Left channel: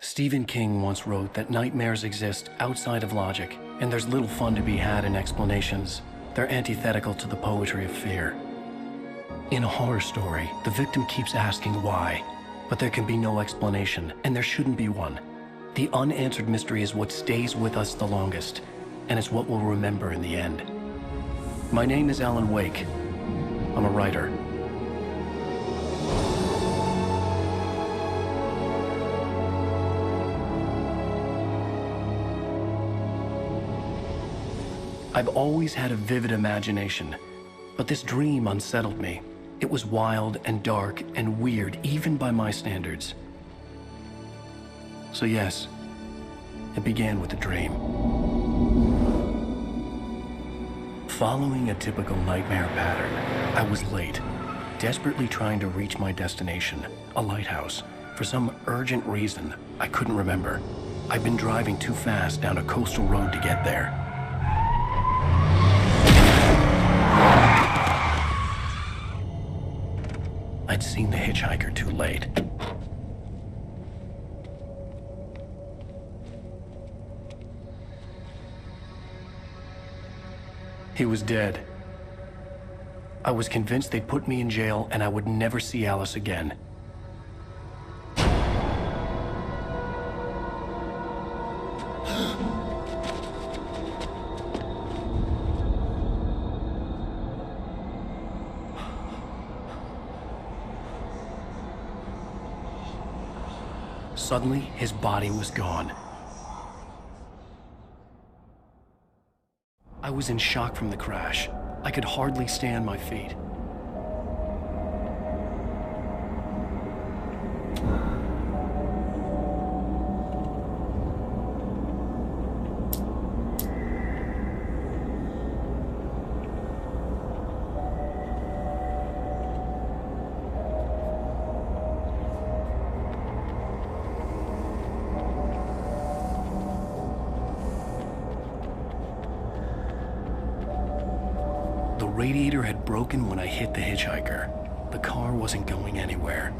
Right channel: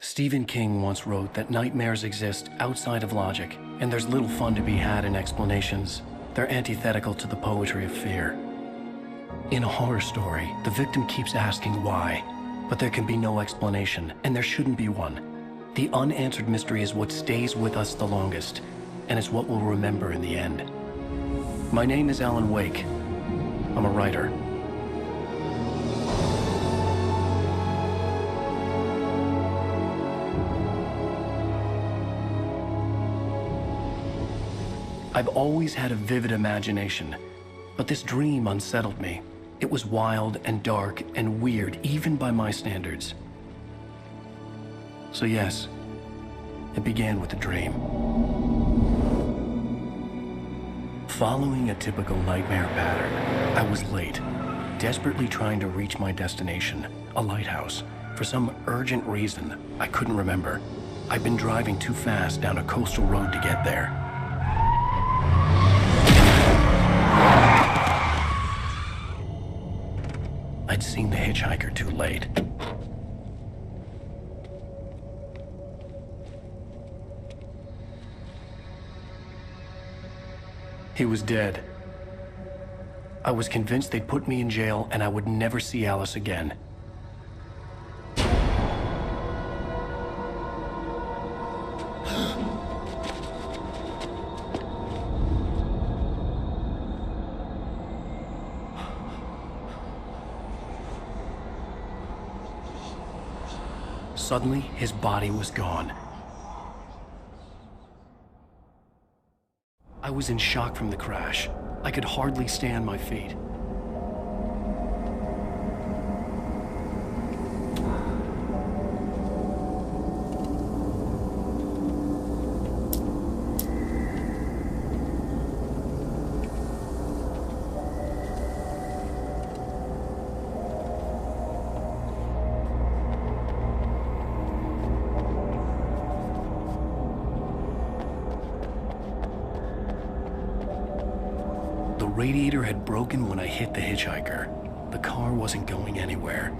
Stephen King once wrote that nightmares exist outside of logic, and there's little fun to be had in explanations. They're antithetical to the poetry of fear. In a horror story, the victim keeps asking why, but there can be no explanation, and there shouldn't be one. The unanswered mystery is what stays with us the longest, and it's what we'll remember in the end. My name is Alan Wake. I'm a writer. I've always had a vivid imagination, but this dream unsettled me. It was wild and dark and weird, even by my standards. So yes, it began with a dream. Following a typical nightmare pattern, I was late, desperately trying to reach my destination, a lighthouse. For some urgent reason, I couldn't remember. I'd been driving too fast down a coastal road to get there. I'd seen the hitchhiker too late. He was dead. I was convinced they'd put me in jail and I would never see Alice again. Suddenly, his body was gone. I was in shock from the crash. I could hardly stand my feet. The radiator had broken when I hit the hitchhiker. The car wasn't going anywhere.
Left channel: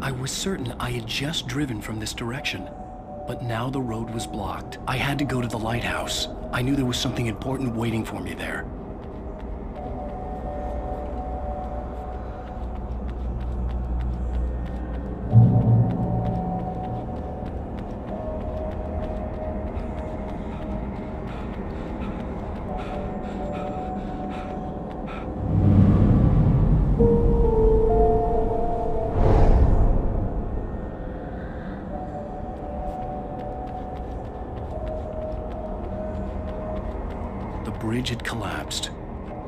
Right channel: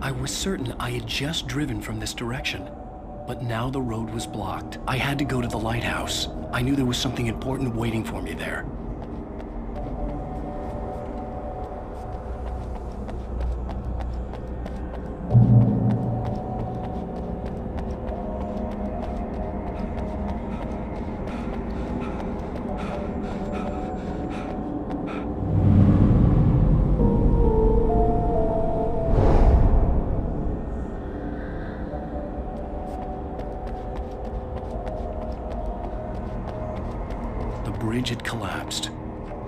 I was certain I had just driven from this direction, but now the road was blocked. I had to go to the lighthouse. I knew there was something important waiting for me there. The bridge had collapsed.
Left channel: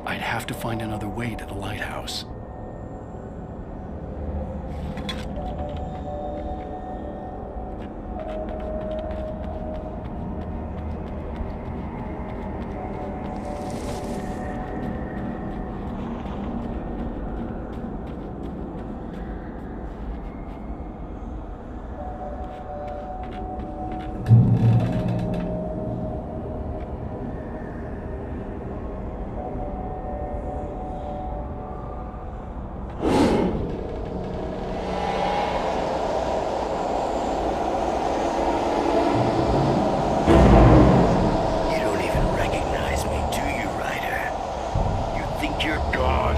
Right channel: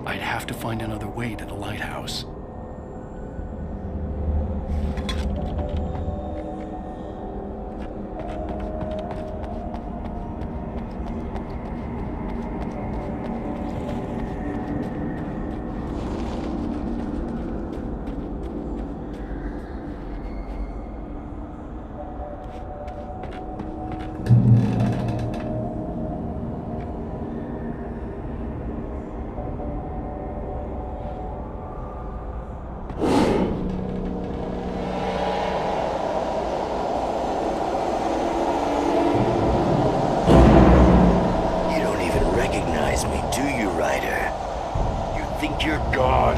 I'd have to find another way to the lighthouse. Recognize me, do you, Ryder? You think you're God?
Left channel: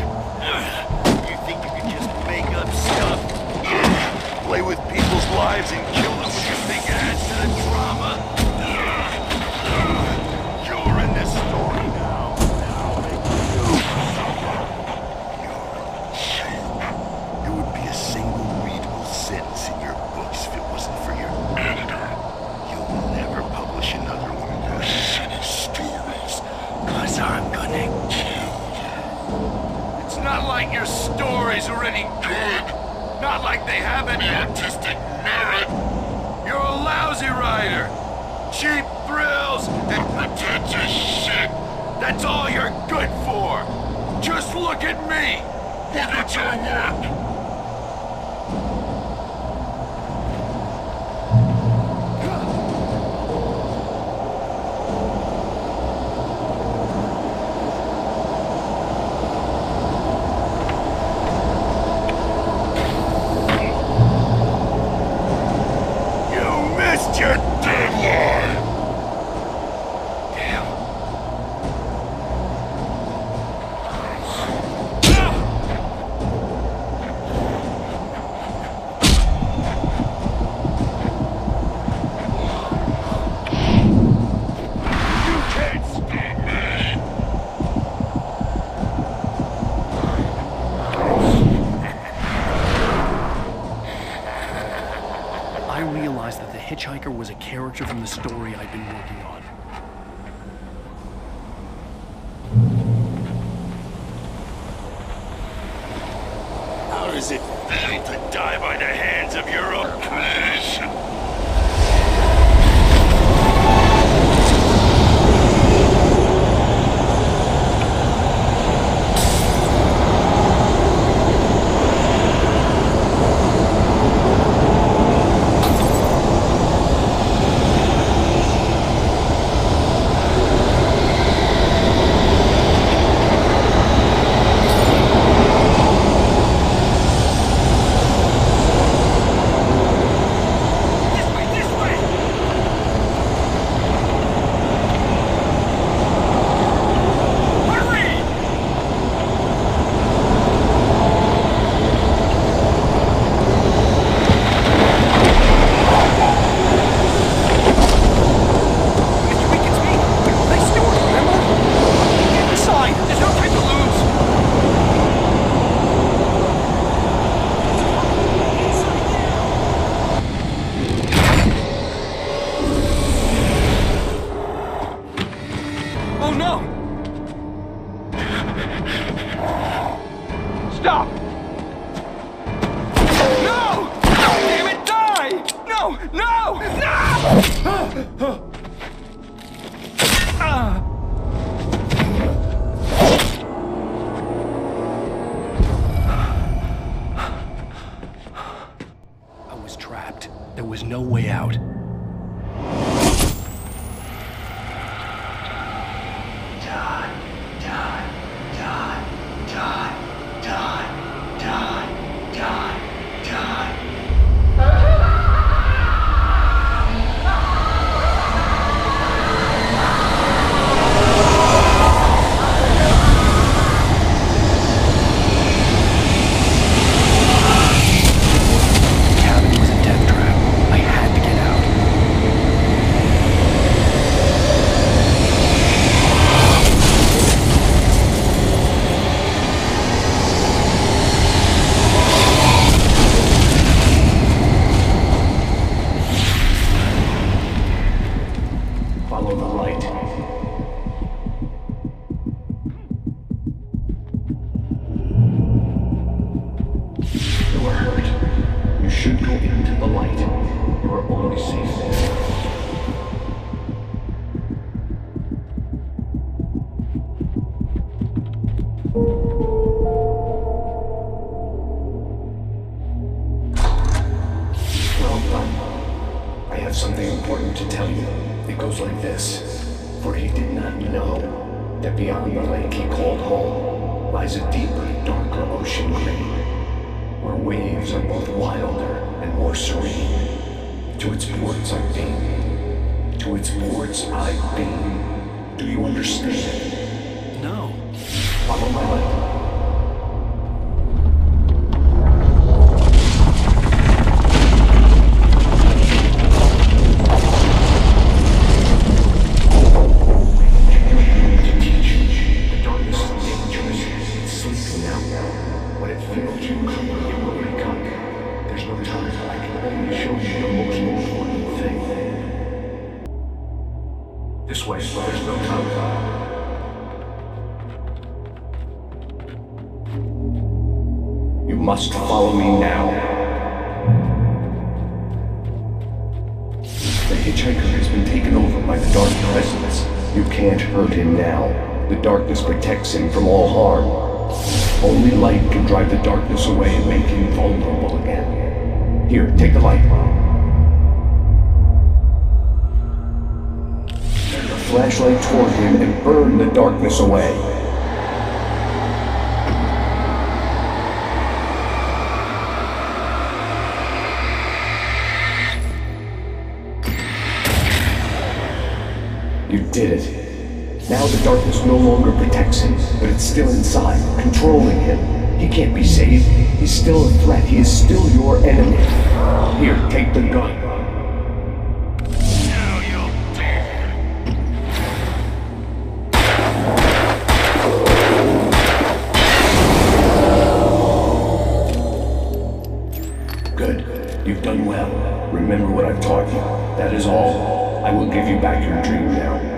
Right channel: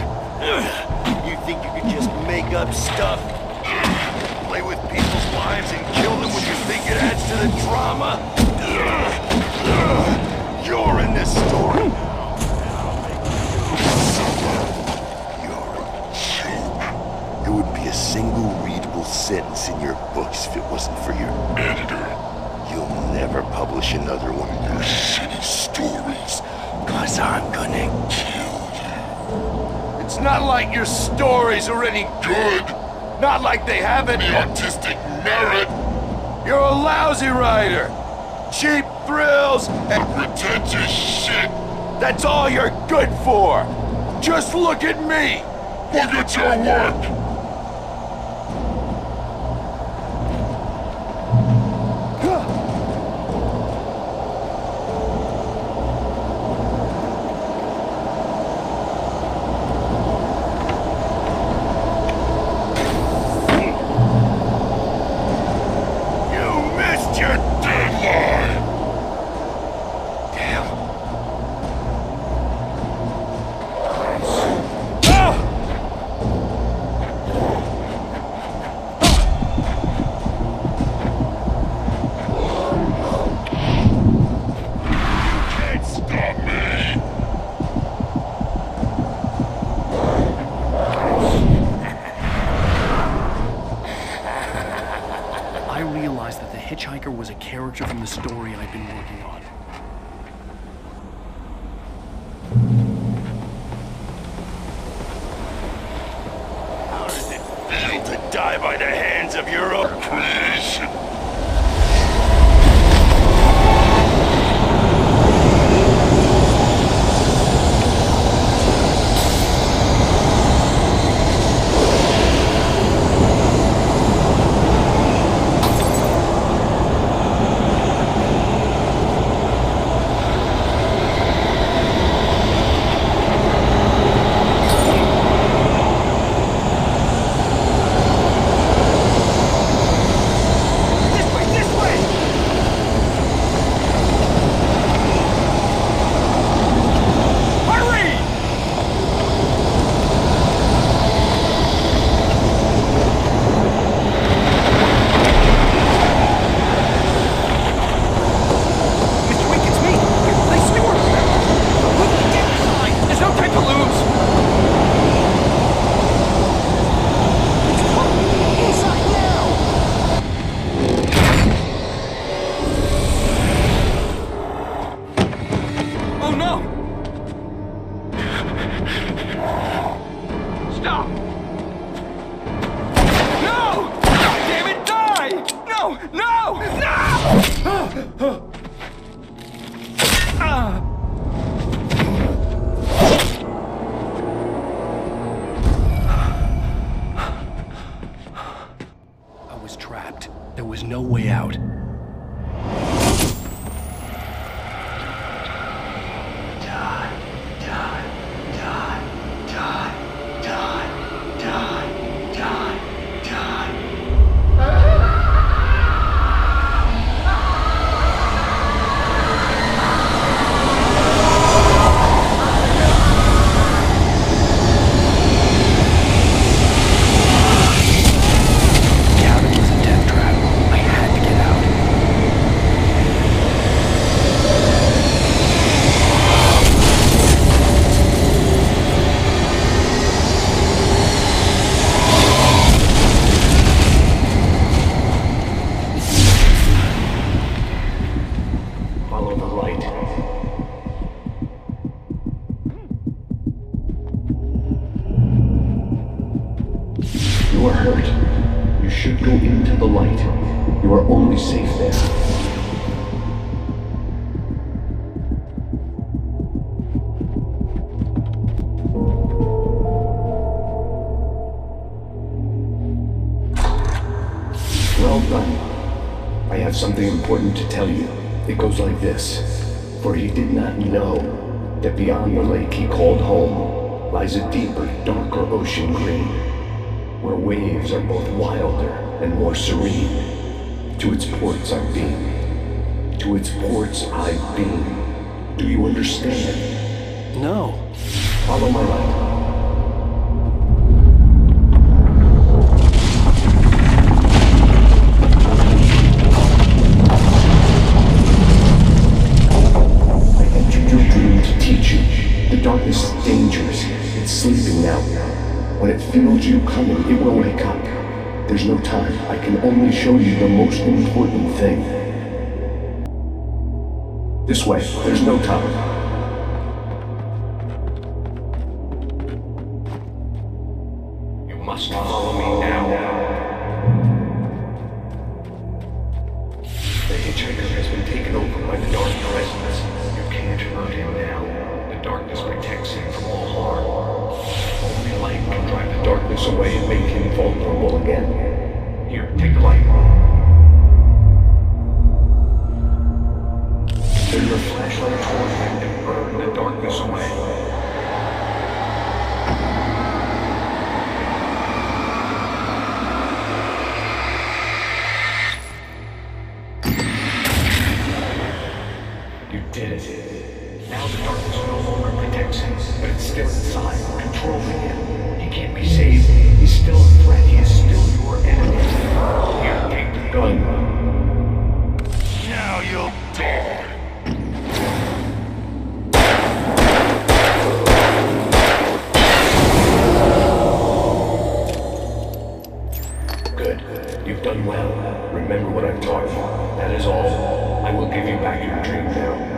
You think you can just make up stuff? Play with people's lives and kill them when you think it adds to the drama? You're in this story now, and I'll make you. You're a joke. There would be a single readable sentence in your books if it wasn't for your editor. You'll never publish another one of your shitty stories, 'cause I'm gonna kill you. It's not like your stories are any good. Not like they have any artistic merit. You're a lousy writer. Cheap thrills and pretentious shit. That's all you're good for. Just look at me. Look at your work. your deadline! Damn. You can't stop me! I realized that the hitchhiker was a character from the story I'd been working on. How does it feel to die by the hands of your own creation? Stop! No! Damn it, die! No! No! No! I was trapped. There was no way out. Die, die, die, die, die, die, die, die. The cabin was a death trap. I had to get out. Follow the light. You are hurt. You should go into the light. You are only safe there. Well done. I have something important to tell you. It goes like this. For he did not know that beyond the lake he called home lies a deeper, darker ocean green, where waves are both wilder and more serene. To its ports I've been. To its ports I've been. Do you understand? No. Follow my light. When it feels you coming, it will wake up. There's no time. I can only show you the most important thing. This way. There's no time. You must follow me now. The hitchhiker has been taken over by the dark presence. You can't hurt him now. The darkness protects him from all harm. Only light can drive the darkness away and make him vulnerable again. Here, take the light. Turn your flashlight toward him and burn the darkness away. did it. Now the darkness no longer protects him, but it's still inside, controlling him. He can't be saved. He's still a threat. He is still your enemy. Here, take the gun. Now you'll die. Good. You've done well. Remember what I've taught you. That is all. I will give you back your dream now.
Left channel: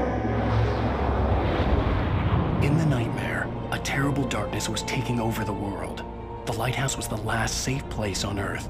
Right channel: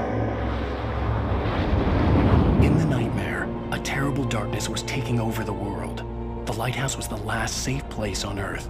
In the nightmare, a terrible darkness was taking over the world. The lighthouse was the last safe place on Earth.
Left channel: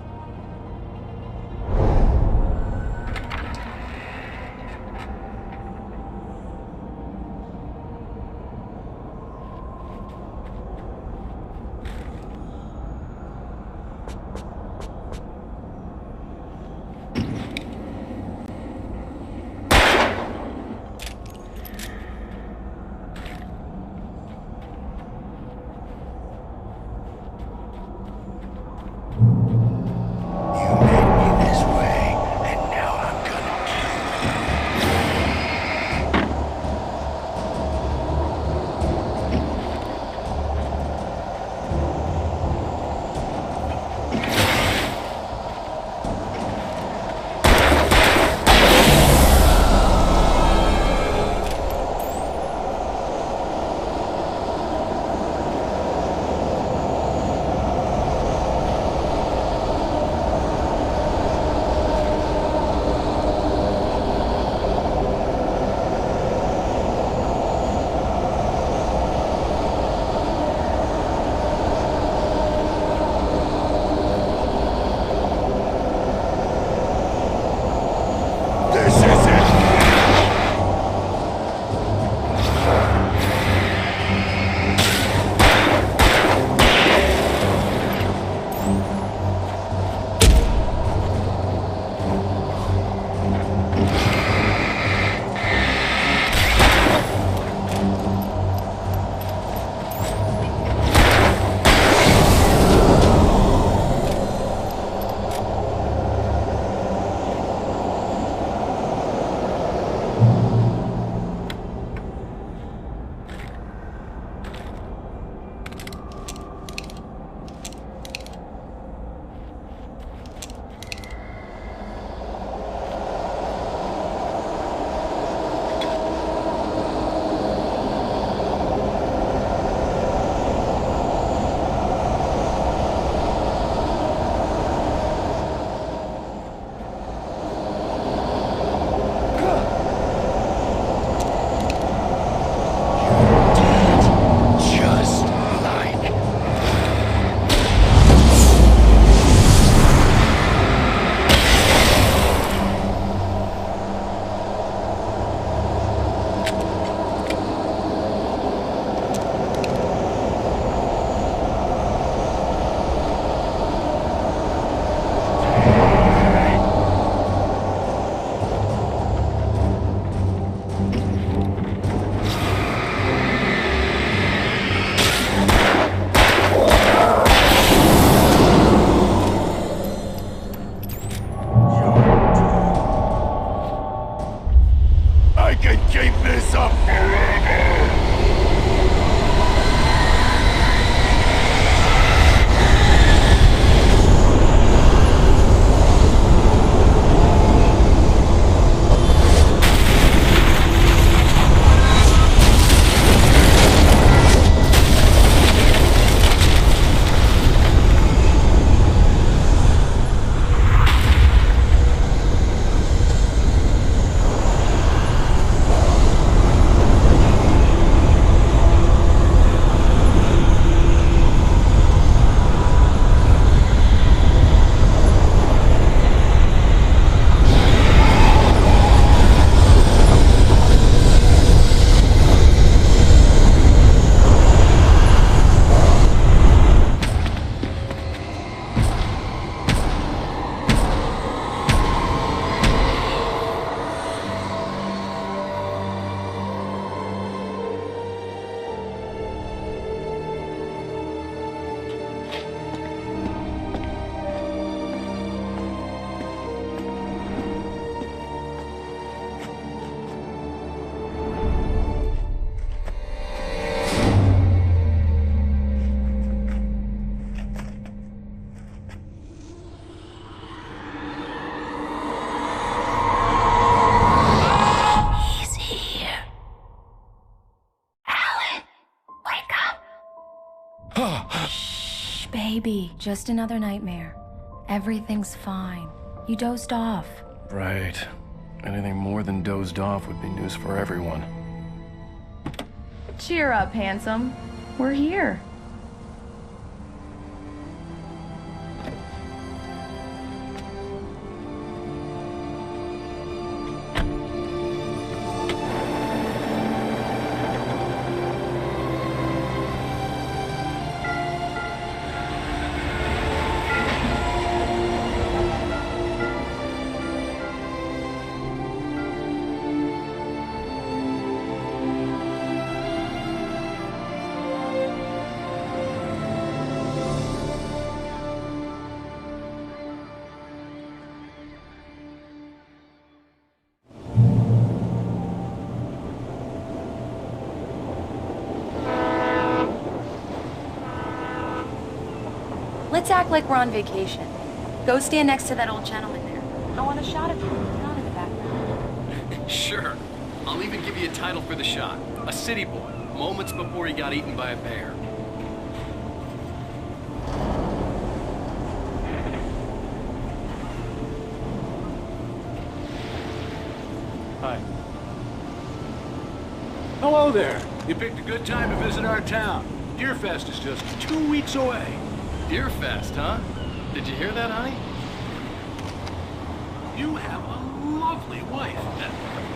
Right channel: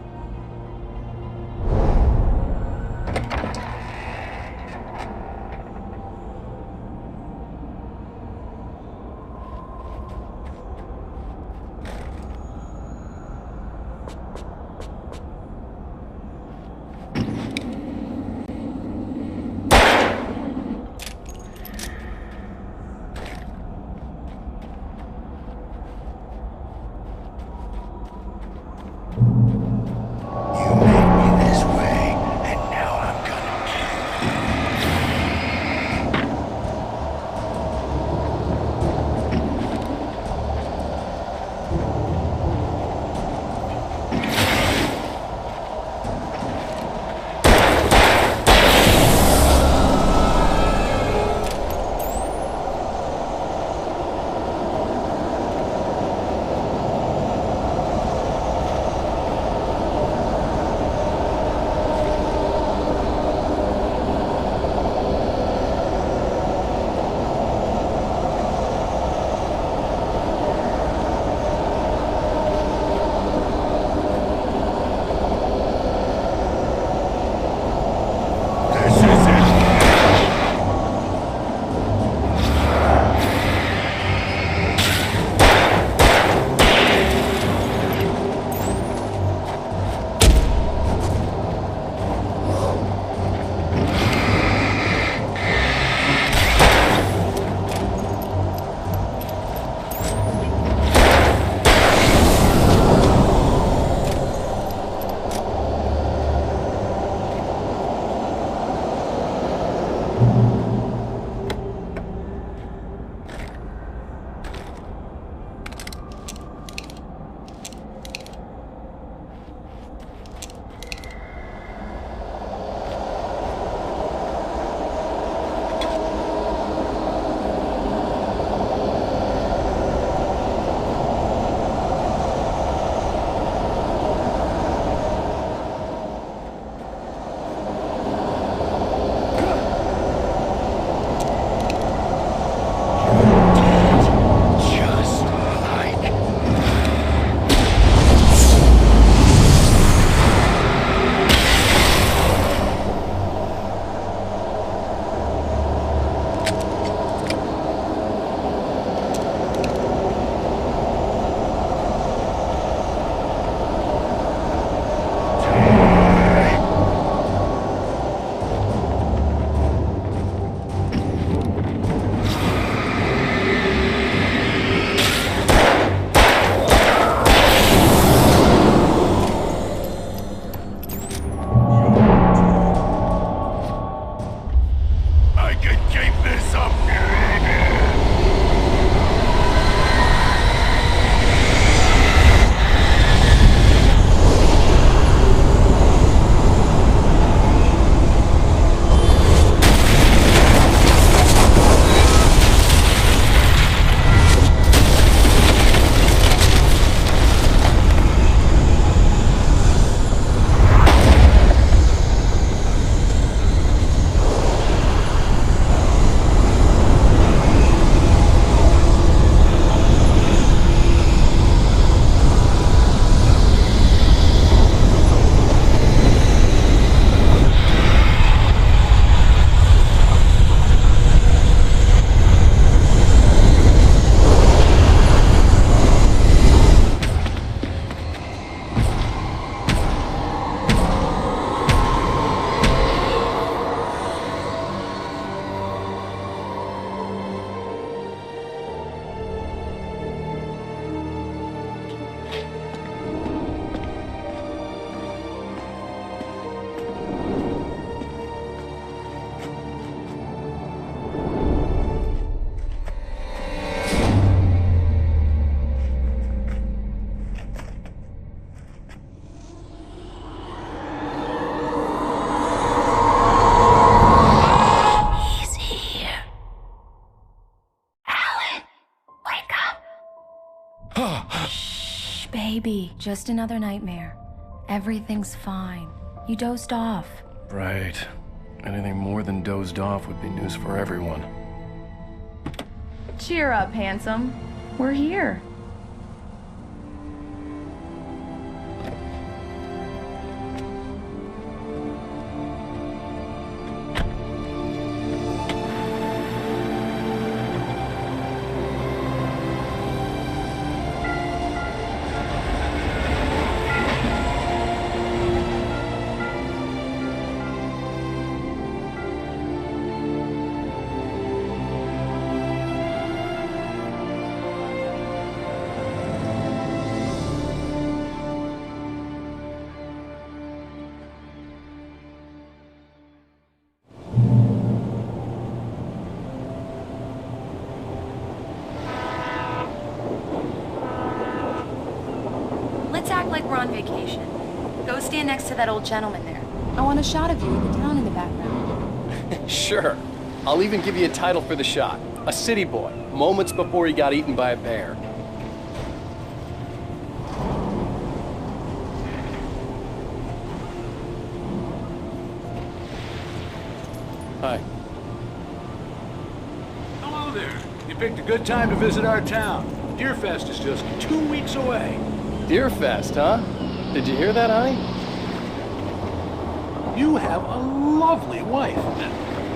You made me this way, and now I'm gonna kill you. This is it! Just like I can keep this up forever! be just another nightmare. Everything's fine. You dozed off. Right. Anything more than dozed off would be news for everyone. Cheer up, handsome. We're here. Let's act like we're on vacation. Go stand next to that old gentleman there. I want a shot of you in the town in the background. Sure. I'll even give you a title for the shot. A city boy, moments before he got eaten by a bear. Hi. Hello there. You picked a good time to visit our town. Deerfest is just 2 weeks away. Deerfest, huh? Did you hear that, honey? You have a lovely wife.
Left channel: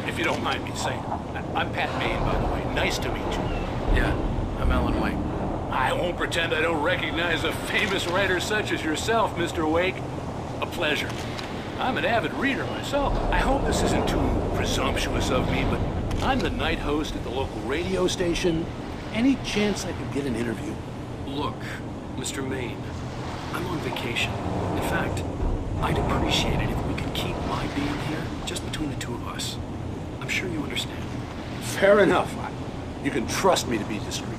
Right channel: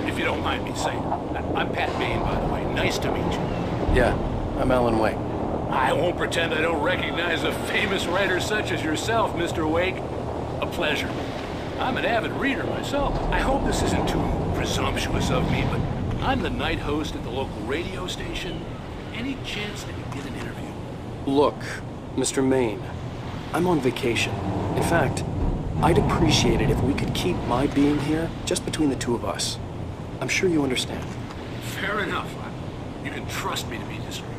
If you don't mind me saying. I'm Pat Maine, by the way. Nice to meet you. Yeah, I'm Alan Wake. I won't pretend I don't recognize a famous writer such as yourself, Mr. Wake. A pleasure. I'm an avid reader myself. I hope this isn't too presumptuous of me, but I'm the night host at the local radio station. Any chance I could get an interview? Look, Mr. Maine, I'm on vacation. In fact, I'd appreciate it if we could keep my being here just between the two of us. I'm sure you understand. Fair enough. You can trust me to be discreet.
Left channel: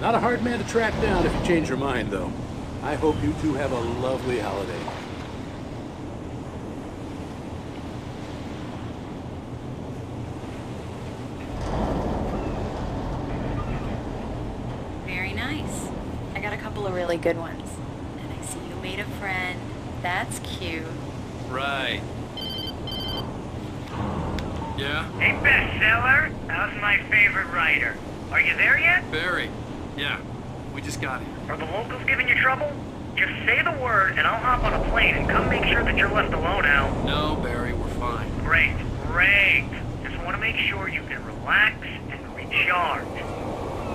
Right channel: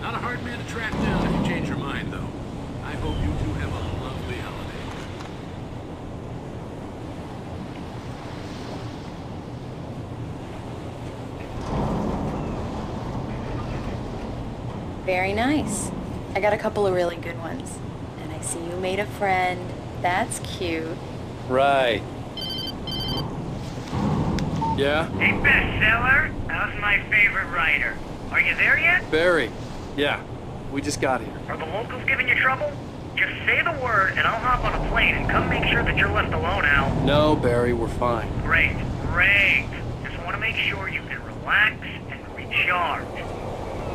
Not a hard man to track down if you change your mind, though. I hope you two have a lovely holiday. Very nice. I got a couple of really good ones. And I see you made a friend. That's cute. Right. Yeah? Hey, bestseller. How's my favorite writer? Are you there yet? Barry. Yeah, we just got here. Are the locals giving you trouble? Just say the word, and I'll hop on a plane and come make sure that you're left alone, Al. No, Barry, we're fine. Great, great. Just want to make sure you can relax and recharge.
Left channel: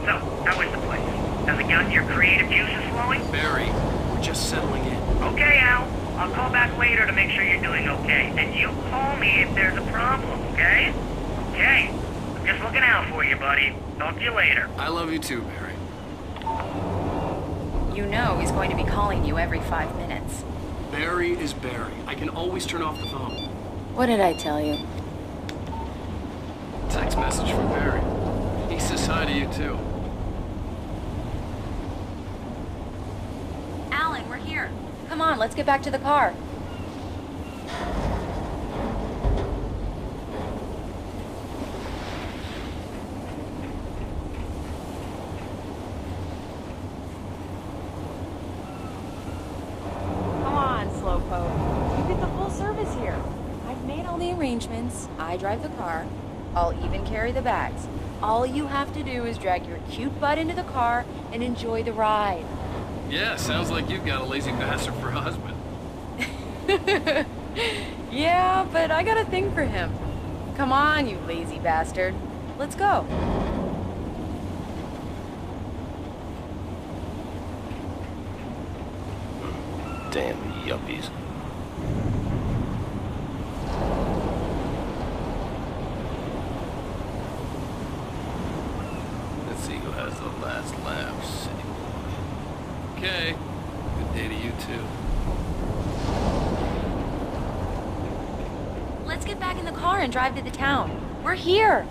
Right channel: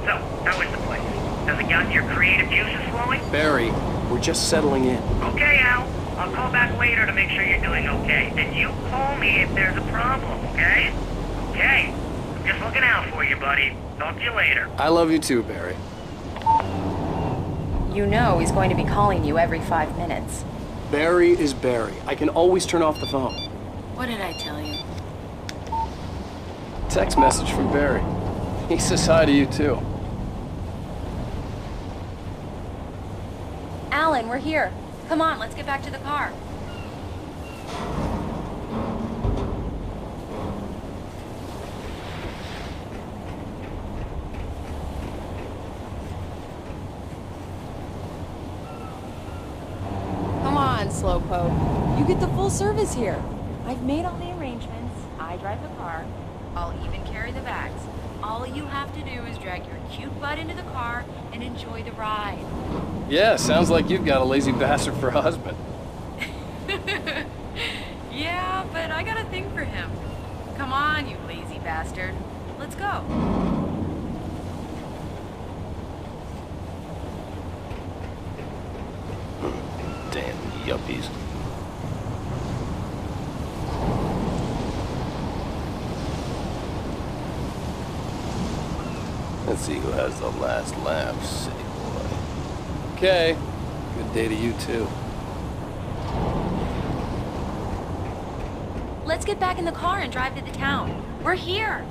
So, how is the place? Has it gotten your creative juices flowing? Barry, we're just settling in. Okay, Al. I'll call back later to make sure you're doing okay. And you call me if there's a problem, okay? Okay. I'm just looking out for you, buddy. Talk to you later. I love you too, Barry. You know he's going to be calling you every 5 minutes. Barry is Barry. I can always turn off the phone. What did I tell you? Text message from Barry. He says hi to you too. Alan, we're here. Come on, let's get back to the car. Come on, Slowpoke. You get the full service here. I've made all the arrangements. I drive the car. I'll even carry the bags. All you have to do is drag your cute butt into the car and enjoy the ride. Yeah, sounds like you've got a lazy bastard for a husband. Yeah, but I got a thing for him. Come on, you lazy bastard. Let's go. Damn yuppies. Let's see who has the last laugh, city boy. Okay. Good day to you too. Let's get back in the car and drive to the town. We're here.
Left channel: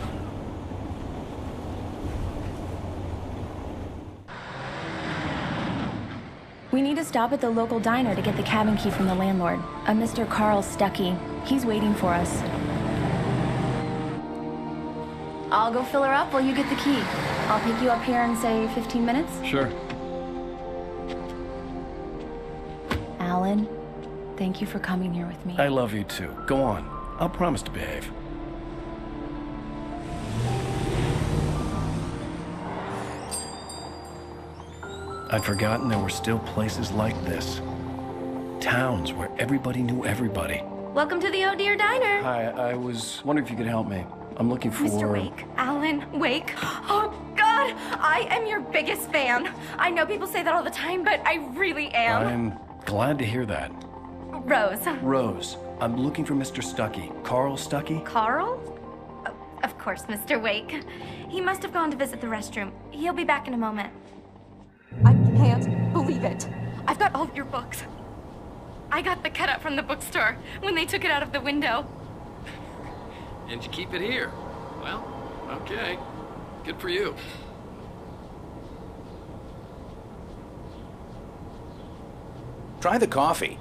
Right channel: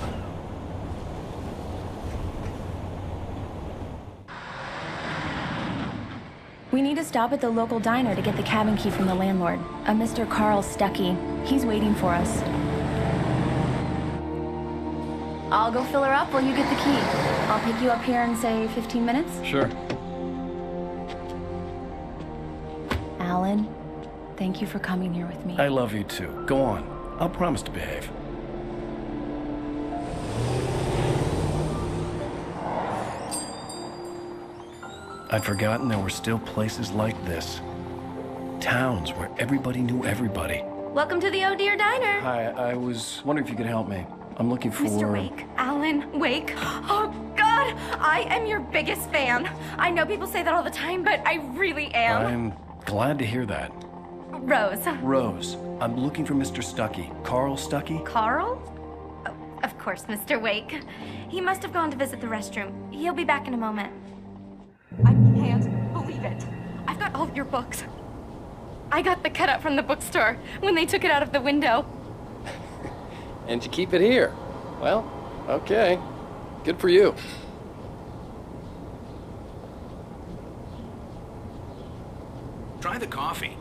We need to stop at the local diner to get the cabin key from the landlord, a Mr. Carl Stuckey. He's waiting for us. I'll go fill her up while you get the key. I'll pick you up here in, say, 15 minutes. Sure. Alan, thank you for coming here with me. I love you too. Go on. I'll promise to behave. I'd forgotten there were still places like this. Towns where everybody knew everybody. Welcome to the Oh Dear Diner. Hi, I was wondering if you could help me. I'm looking for... Mr. Wake. Alan Wake. Oh, God! I am your biggest fan. I know people say that all the time, but I really am. I'm glad to hear that. Rose. Rose, I'm looking for Mr. Stuckey. Carl Stuckey? Carl? Oh, of course, Mr. Wake. He must have gone to visit the restroom. He'll be back in a moment. I can't believe it. I've got all of your books. I got the cutout from the bookstore when they took it out of the window. And you keep it here. Well, okay. Good for you. Try the coffee.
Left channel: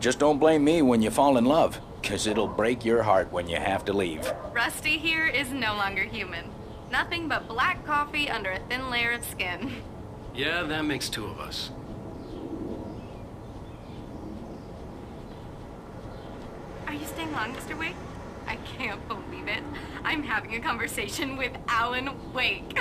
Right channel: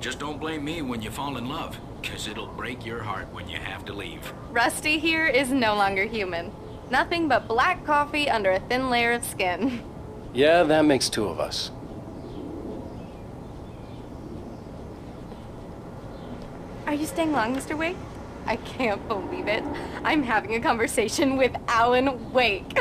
Just don't blame me when you fall in love, 'cause it'll break your heart when you have to leave. Rusty here is no longer human. Nothing but black coffee under a thin layer of skin. Yeah, that makes two of us. Are you staying long, Mr. Wake? I can't believe it. I'm having a conversation with Alan Wake.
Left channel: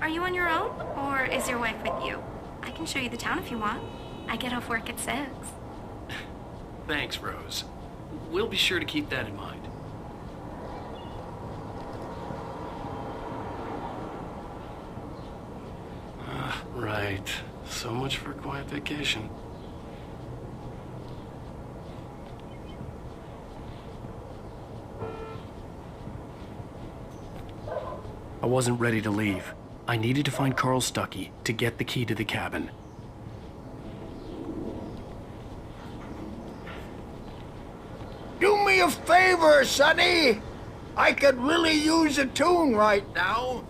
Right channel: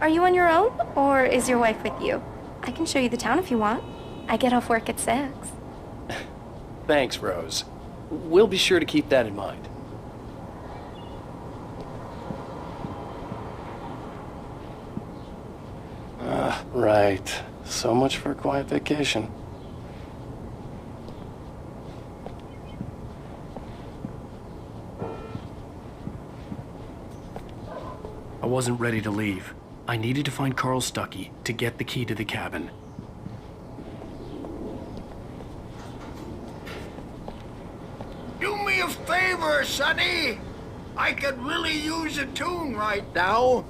Are you on your own, or is your wife with you? I can show you the town if you want. I get off work at 6. Thanks, Rose. We'll be sure to keep that in mind. Right. So much for a quiet vacation. I wasn't ready to leave. I needed to find Carl Stuckey to get the key to the cabin. Do me a favor, Sonny. I could really use a tune right now.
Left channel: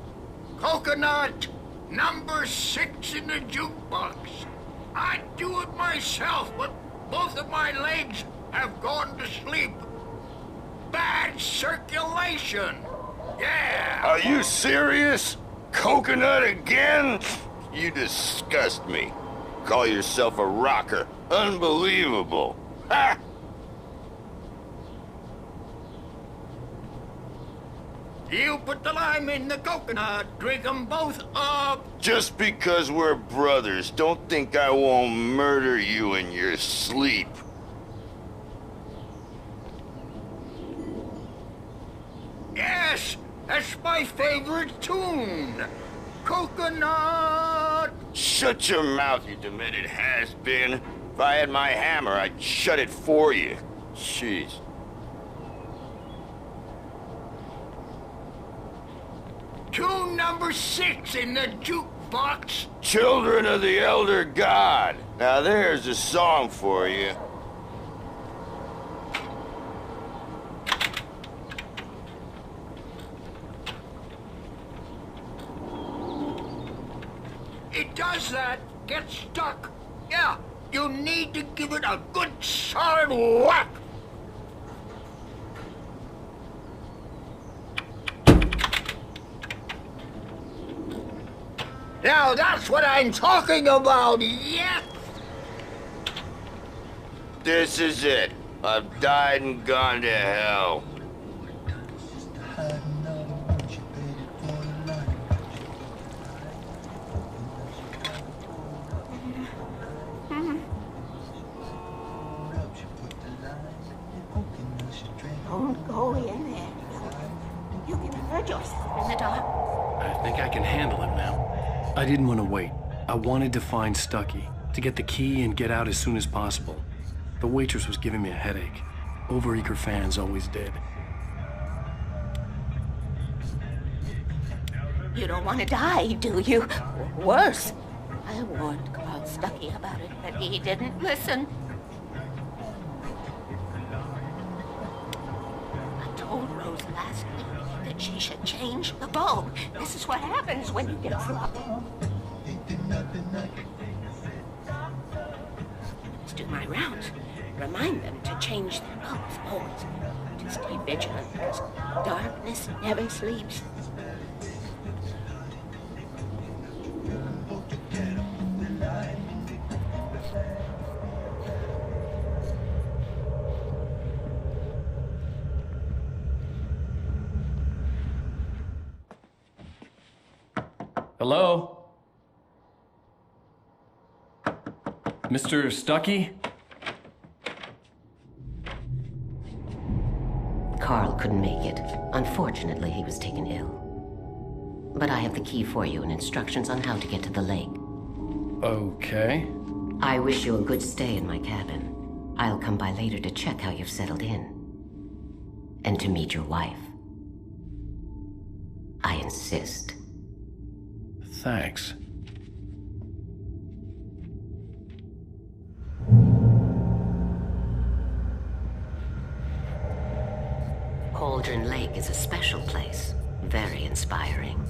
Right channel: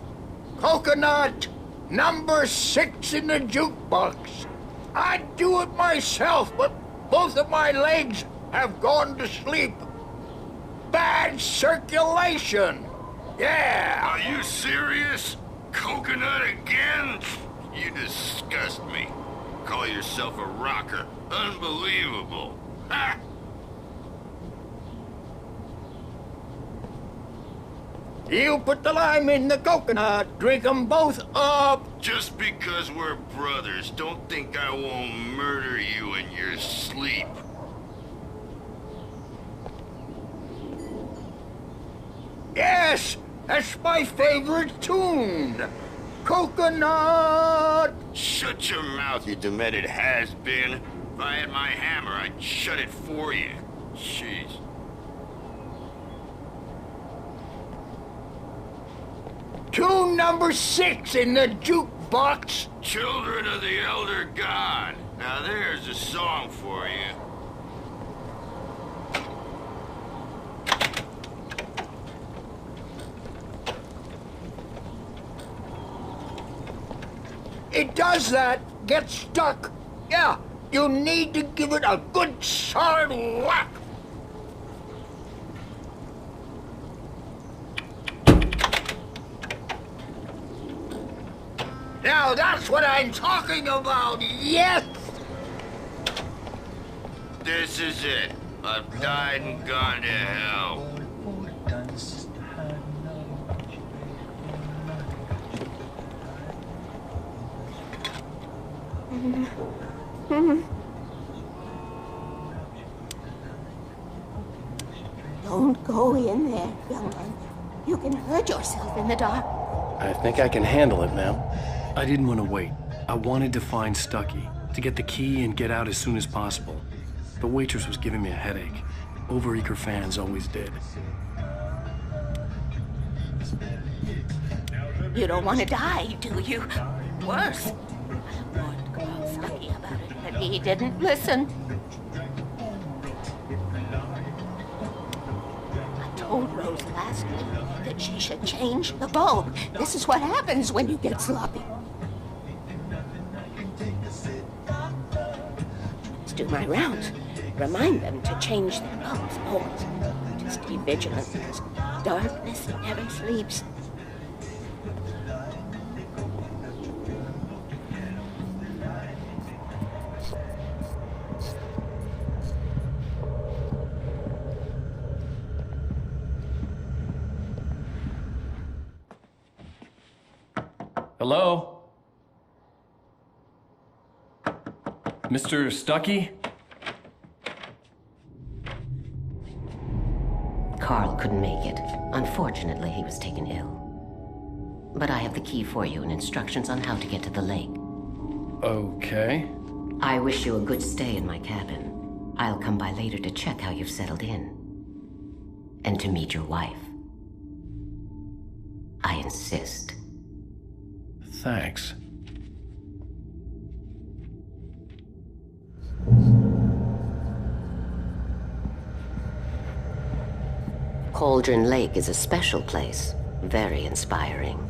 Coconut, number 6 in the jukebox. I'd do it myself, but both of my legs have gone to sleep. Bad circulation. Yeah. Are you serious? Coconut again? You disgust me. Call yourself a rocker. Unbelievable. Ha! You put the lime in the coconut. Drink them both up. Just because we're brothers, don't think I won't murder you in your sleep. Yes, that's my favorite tune. Coconut. Shut your mouth, you demented has-been. If I had my hammer, I'd shut it for you. Jeez. Tune number 6 in the jukebox. Children of the Elder God. Now there's a song for you. It does that. Get stuck. Yeah, you need to give it a good solid whack. Now that's what I'm talking about, yes! This is it. I've died and gone to hell. Don't go in there, young man. You can hurt yourself in the dark. I think I can handle it, ma'am. I didn't want to wait. I wanted to find Stuckey, to get the key and get out as soon as possible. The waitress was giving me a headache. Overeager fans always did. You don't want to die, do you? Worse. I warned Carl Stuckey about it, but he didn't listen. I told Rose last week that she should change the bulb. This is what happens when you get sloppy. Let's do my rounds. Remind them to change their bulbs, always. To stay vigilant, because darkness never sleeps. Hello? Mr. Stuckey? Carl couldn't make it. Unfortunately, he was taken ill. But I have the key for you and instructions on how to get to the lake. Okay. I wish you a good stay in my cabin. I'll come by later to check how you've settled in. And to meet your wife. I insist. Thanks. Cauldron Lake is a special place. Very inspiring.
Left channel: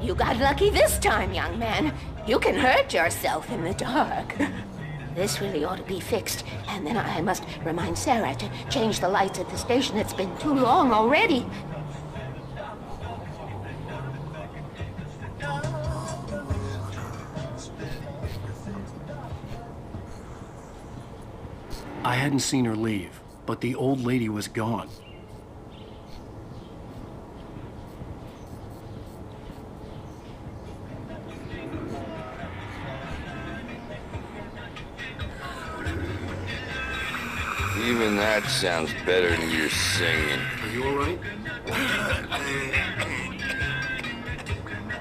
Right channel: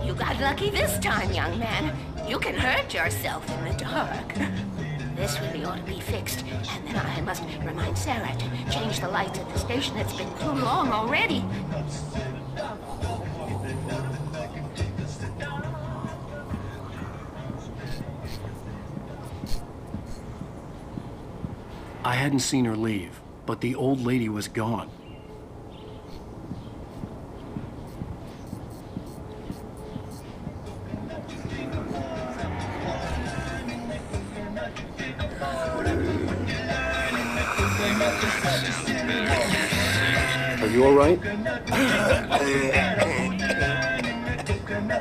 You got lucky this time, young man. You can hurt yourself in the dark. This really ought to be fixed, and then I must remind Sarah to change the lights at the station. It's been too long already. I hadn't seen her leave, but the old lady was gone. Even that sounds better than your singing. Are you all right?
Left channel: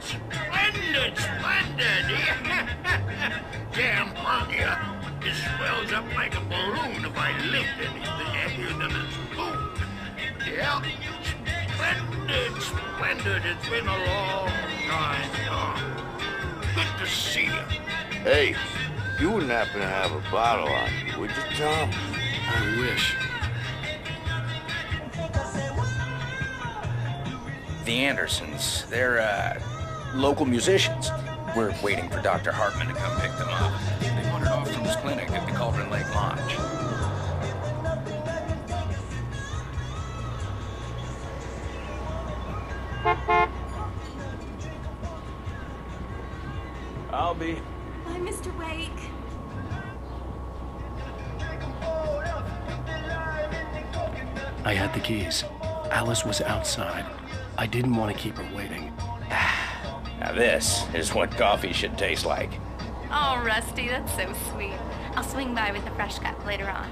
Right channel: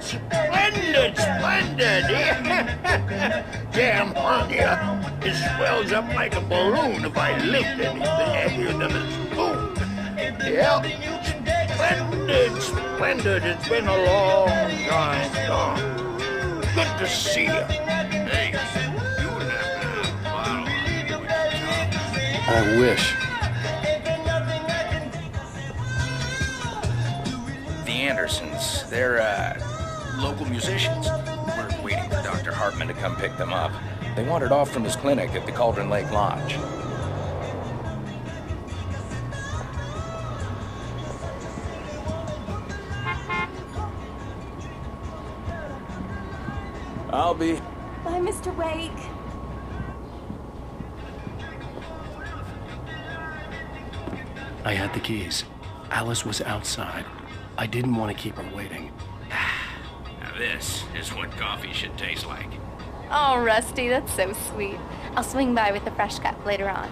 Splendid, splendid! Damn hernia. It swells up like a balloon if I lift anything heavier than a spoon. Yep. Splendid, splendid. It's been a long time gone. Good to see you. Hey, you wouldn't happen to have a bottle on you, would you, Tom? I wish. The Andersons, they're, local musicians. We're waiting for Dr. Hartman to come pick them up. They wandered off from his clinic at the Cauldron Lake Lodge. I'll be... Bye, Mr. Wake. I had the keys. Alice was outside. I didn't want to keep her waiting. Now this is what coffee should taste like. Oh, Rusty, that's so sweet. I'll swing by with the fresh cup later on.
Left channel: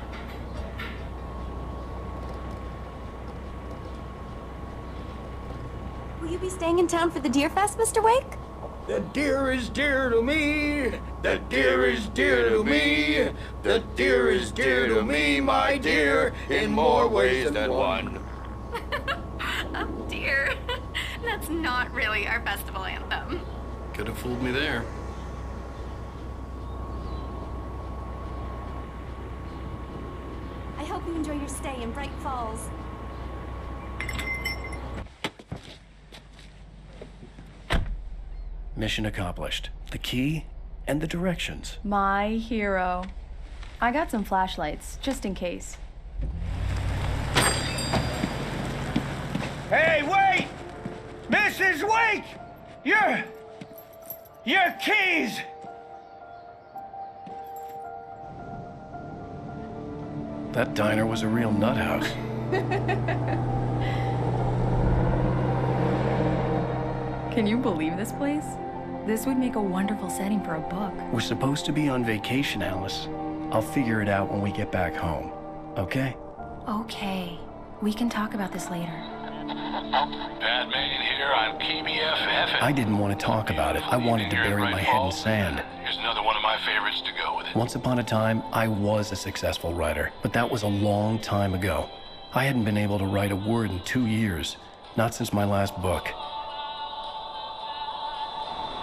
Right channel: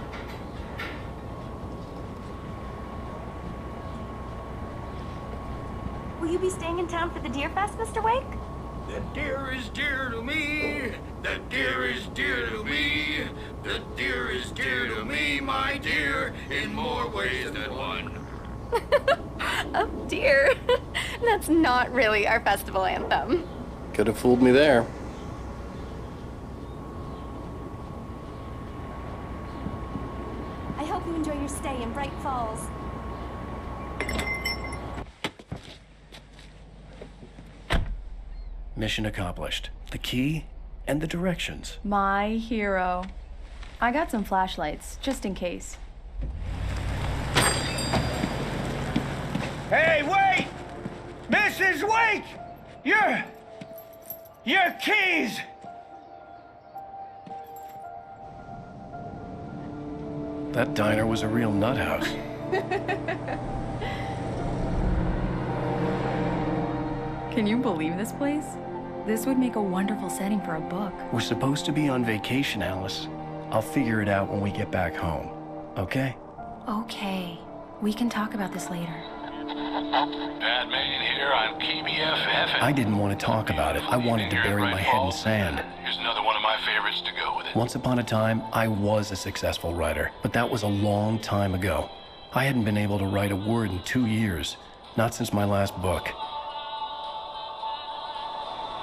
Will you be staying in town for the Deer Fest, Mr. Wake? The deer is dear to me. The deer is dear to me. The deer is dear to me, my dear, in more ways than one. Oh, dear. That's not really our festival anthem. Could have fooled me there. I hope you enjoy your stay in Bright Falls. Mission accomplished. The key and the directions. My hero. I got some flashlights, just in case. Hey, wait! Mrs. Wake! Your keys! That diner was a real nut house. Can you believe this place? This would make a wonderful setting for a book. We're supposed to be on vacation, Alice. I'll figure it out when we get back home. Okay? Okay. We can talk about this later. Pat Main here on KBFF. I didn't want to talk about it. I wanted to bury my head in sand. Here's another one of my favorites to go with it. Once upon a time, I was a successful writer, but that was a long time ago. I hadn't been able to write a word in 2 years, not since my last book.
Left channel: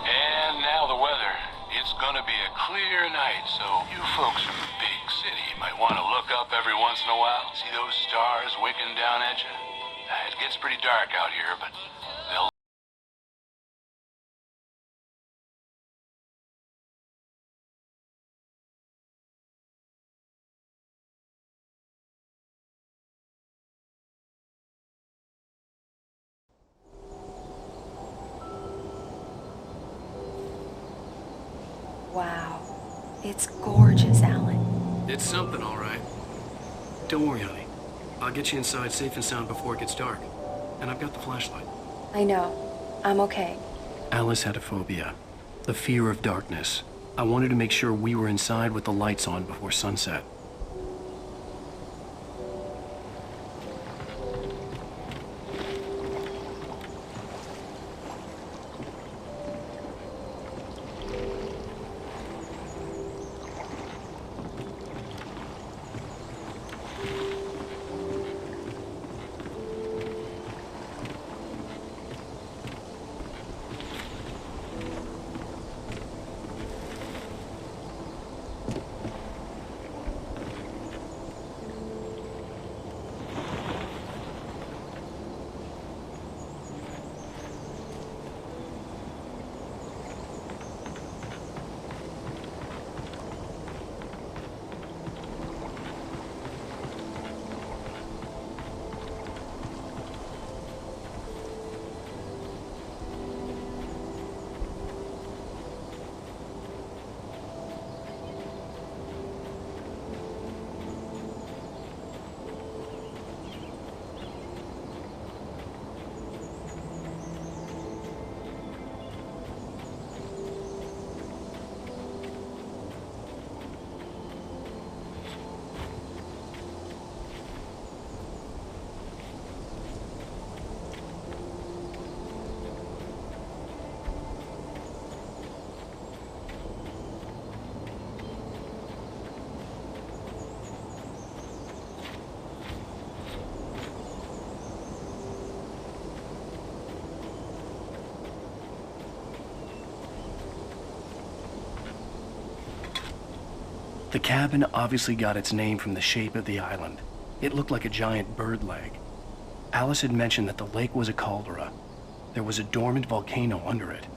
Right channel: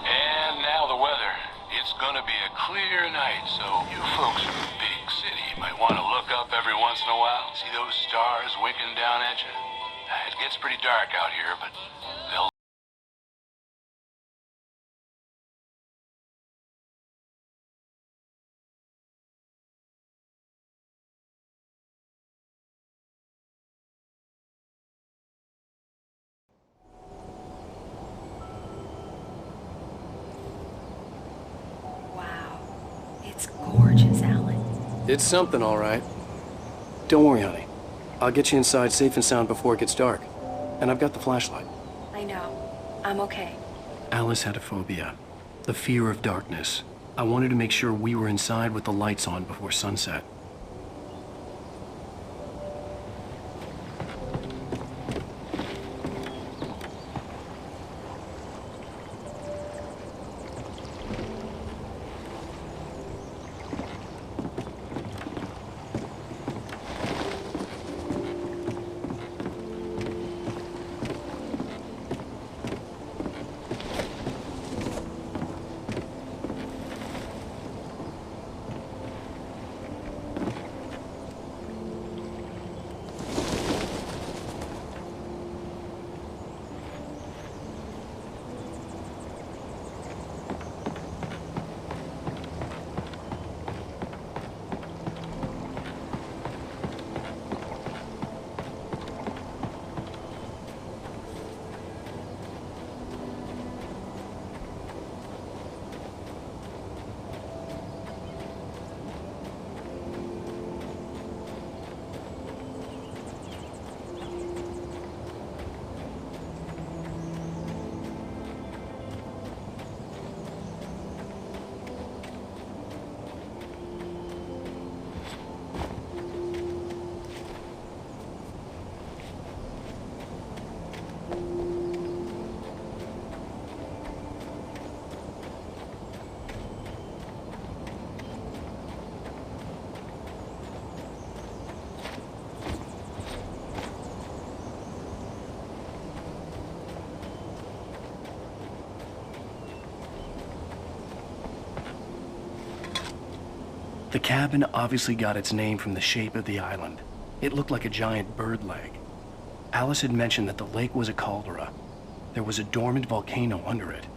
And now the weather. It's gonna be a clear night, so you folks from the big city might want to look up every once in a while. See those stars winking down at you? It gets pretty dark out here, but they'll... Wow. It's gorgeous, Alan. It's something, all right. Don't worry, honey. I'll get you inside safe and sound before it gets dark. And I've got the flashlight. I know. I'm okay. Alice had a phobia. The fear of darkness. I wanted to make sure we were inside with the lights on before sunset. The cabin obviously got its name from the shape of the island. It looked like a giant bird leg. Alice had mentioned that the lake was a caldera. There was a dormant volcano under it.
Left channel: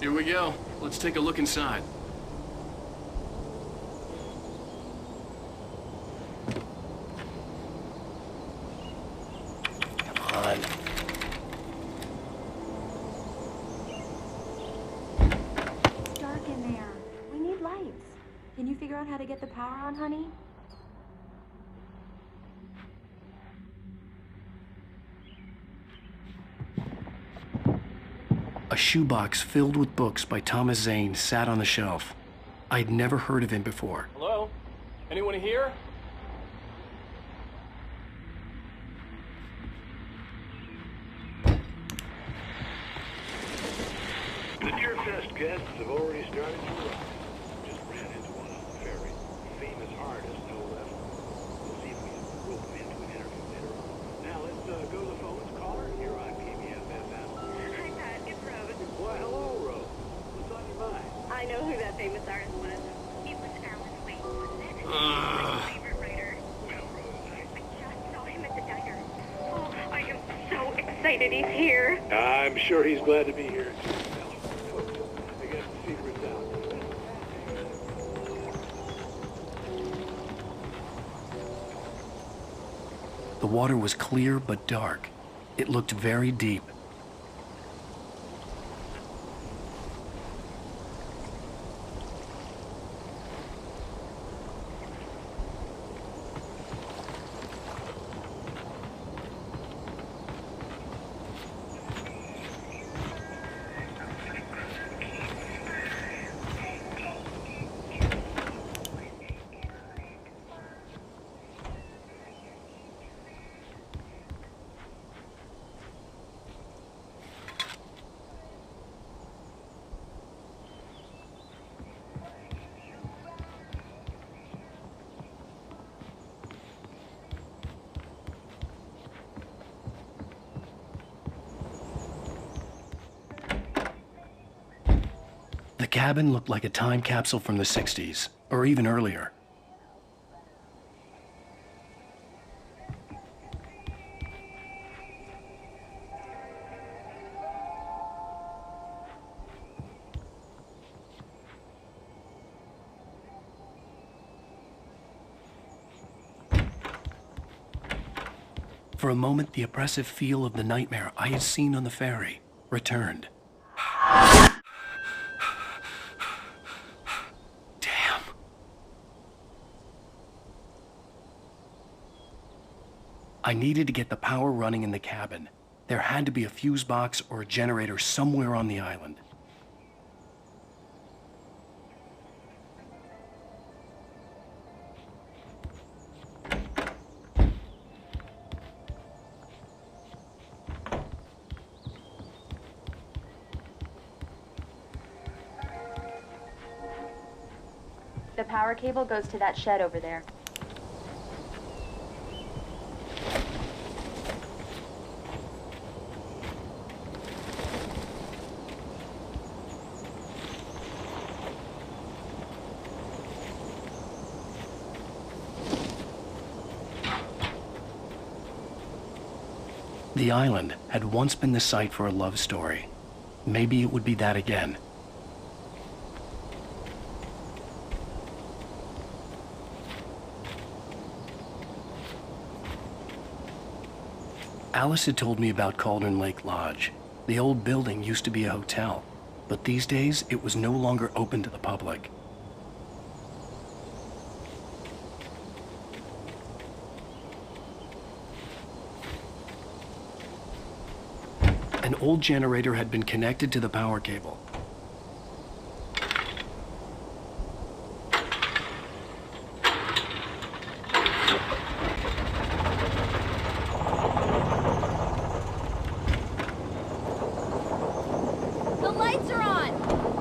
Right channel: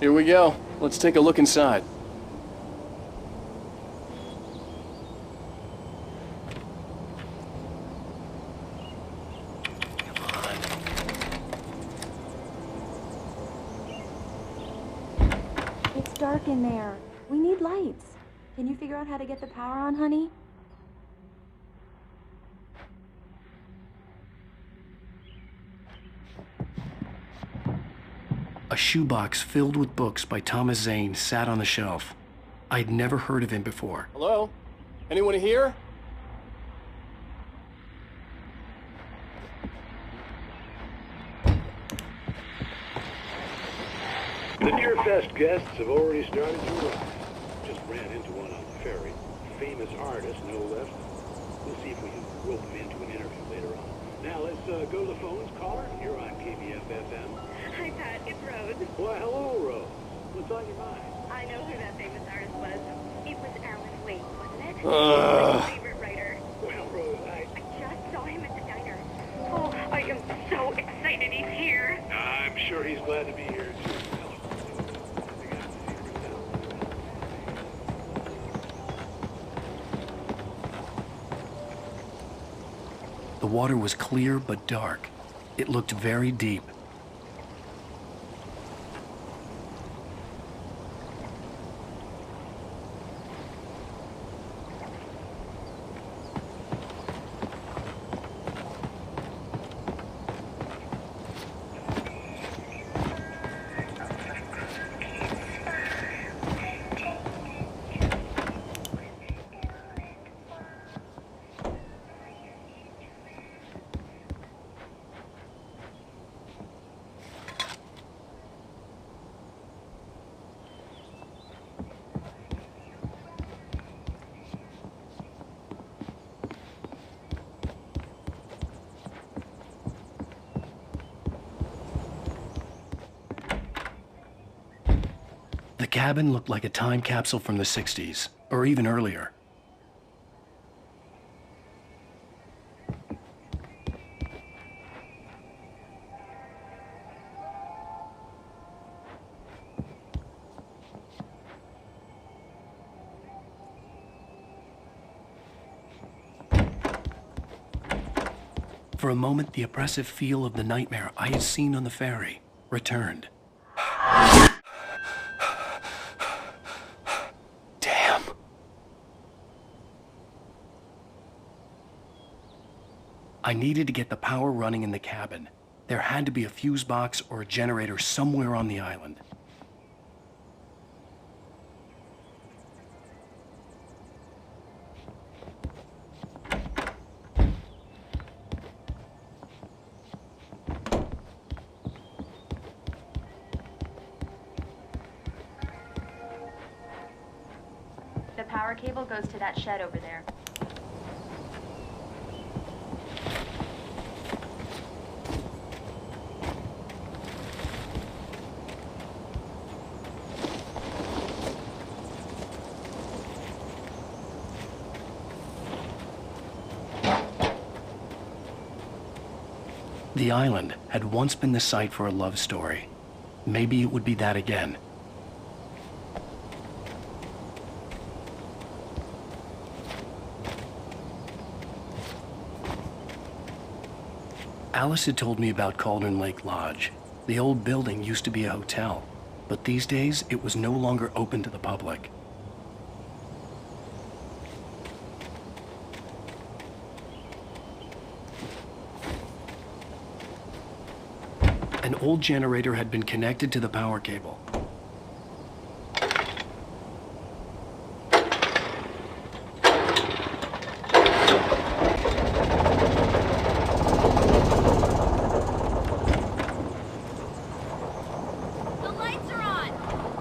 Here we go. Let's take a look inside. Come on. It's dark in there. We need lights. Can you figure out how to get the power on, honey? A shoebox filled with books by Thomas Zane sat on the shelf. I'd never heard of him before. Hello? Anyone here? The Deerfest guests have already started to arrive. Just ran into one on the ferry. Famous artist, no less. We'll see if we can rope him into an interview later on. Now let's go to the phones. Caller, you're on KBF-FM. Hi, Pat. It's Rose. Why, hello, Rose. What's on your mind? I know who that famous artist was. It was Alan Wake, wasn't it? My favorite writer. Well, Rose, I just saw him at the diner. Oh, I am so excited he's here. I'm sure he's glad to be here, too. Well, I got the secret down. The water was clear but dark. It looked very deep. The cabin looked like a time capsule from the 60s, or even earlier. For a moment, the oppressive feel of the nightmare I had seen on the ferry returned. Damn. I needed to get the power running in the cabin. There had to be a fuse box or a generator somewhere on the island. The power cable goes to that shed over there. The island had once been the site for a love story. Maybe it would be that again. Alice had told me about Cauldron Lake Lodge. The old building used to be a hotel, but these days it was no longer open to the public. An old generator had been connected to the power cable. The lights are on!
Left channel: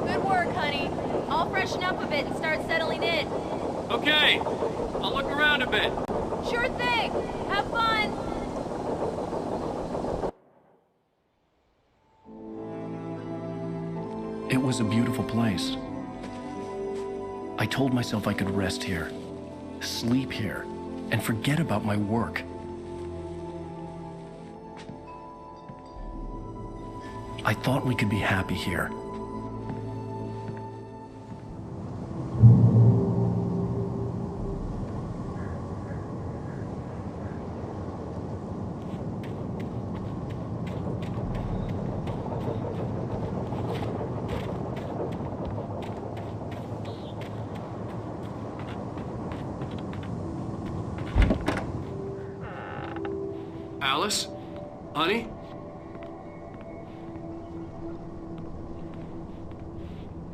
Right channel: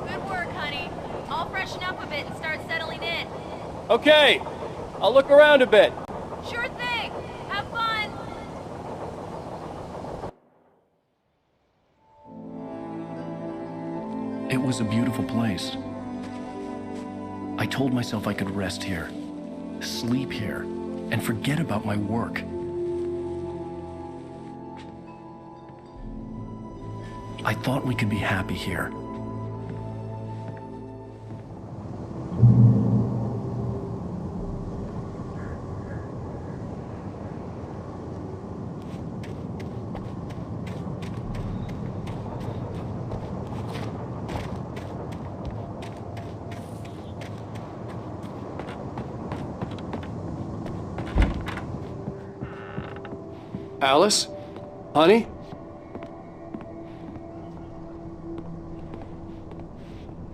Good work, honey. I'll freshen up a bit and start settling in. Okay, I'll look around a bit. Sure thing! Have fun! It was a beautiful place. I told myself I could rest here, sleep here, and forget about my work. I thought we could be happy here. Alice? Honey?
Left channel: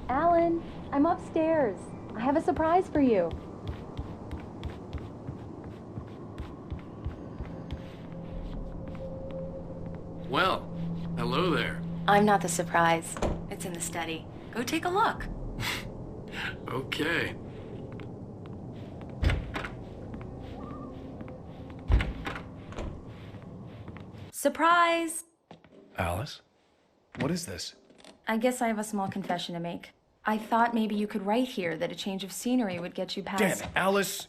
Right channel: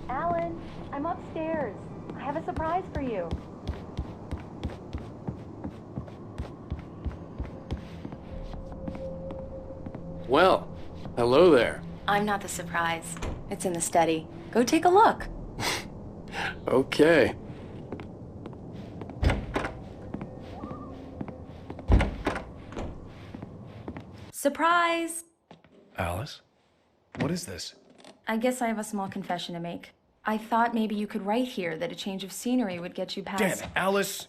Alan, I'm upstairs. I have a surprise for you. Well, hello there. I'm not the surprise. It's in the study. Go take a look. Okay. Surprise! Alice? What is this? I guess I have a small confession to make. I thought maybe you could write here that a change of scenery would get you past... Damn it, Alice,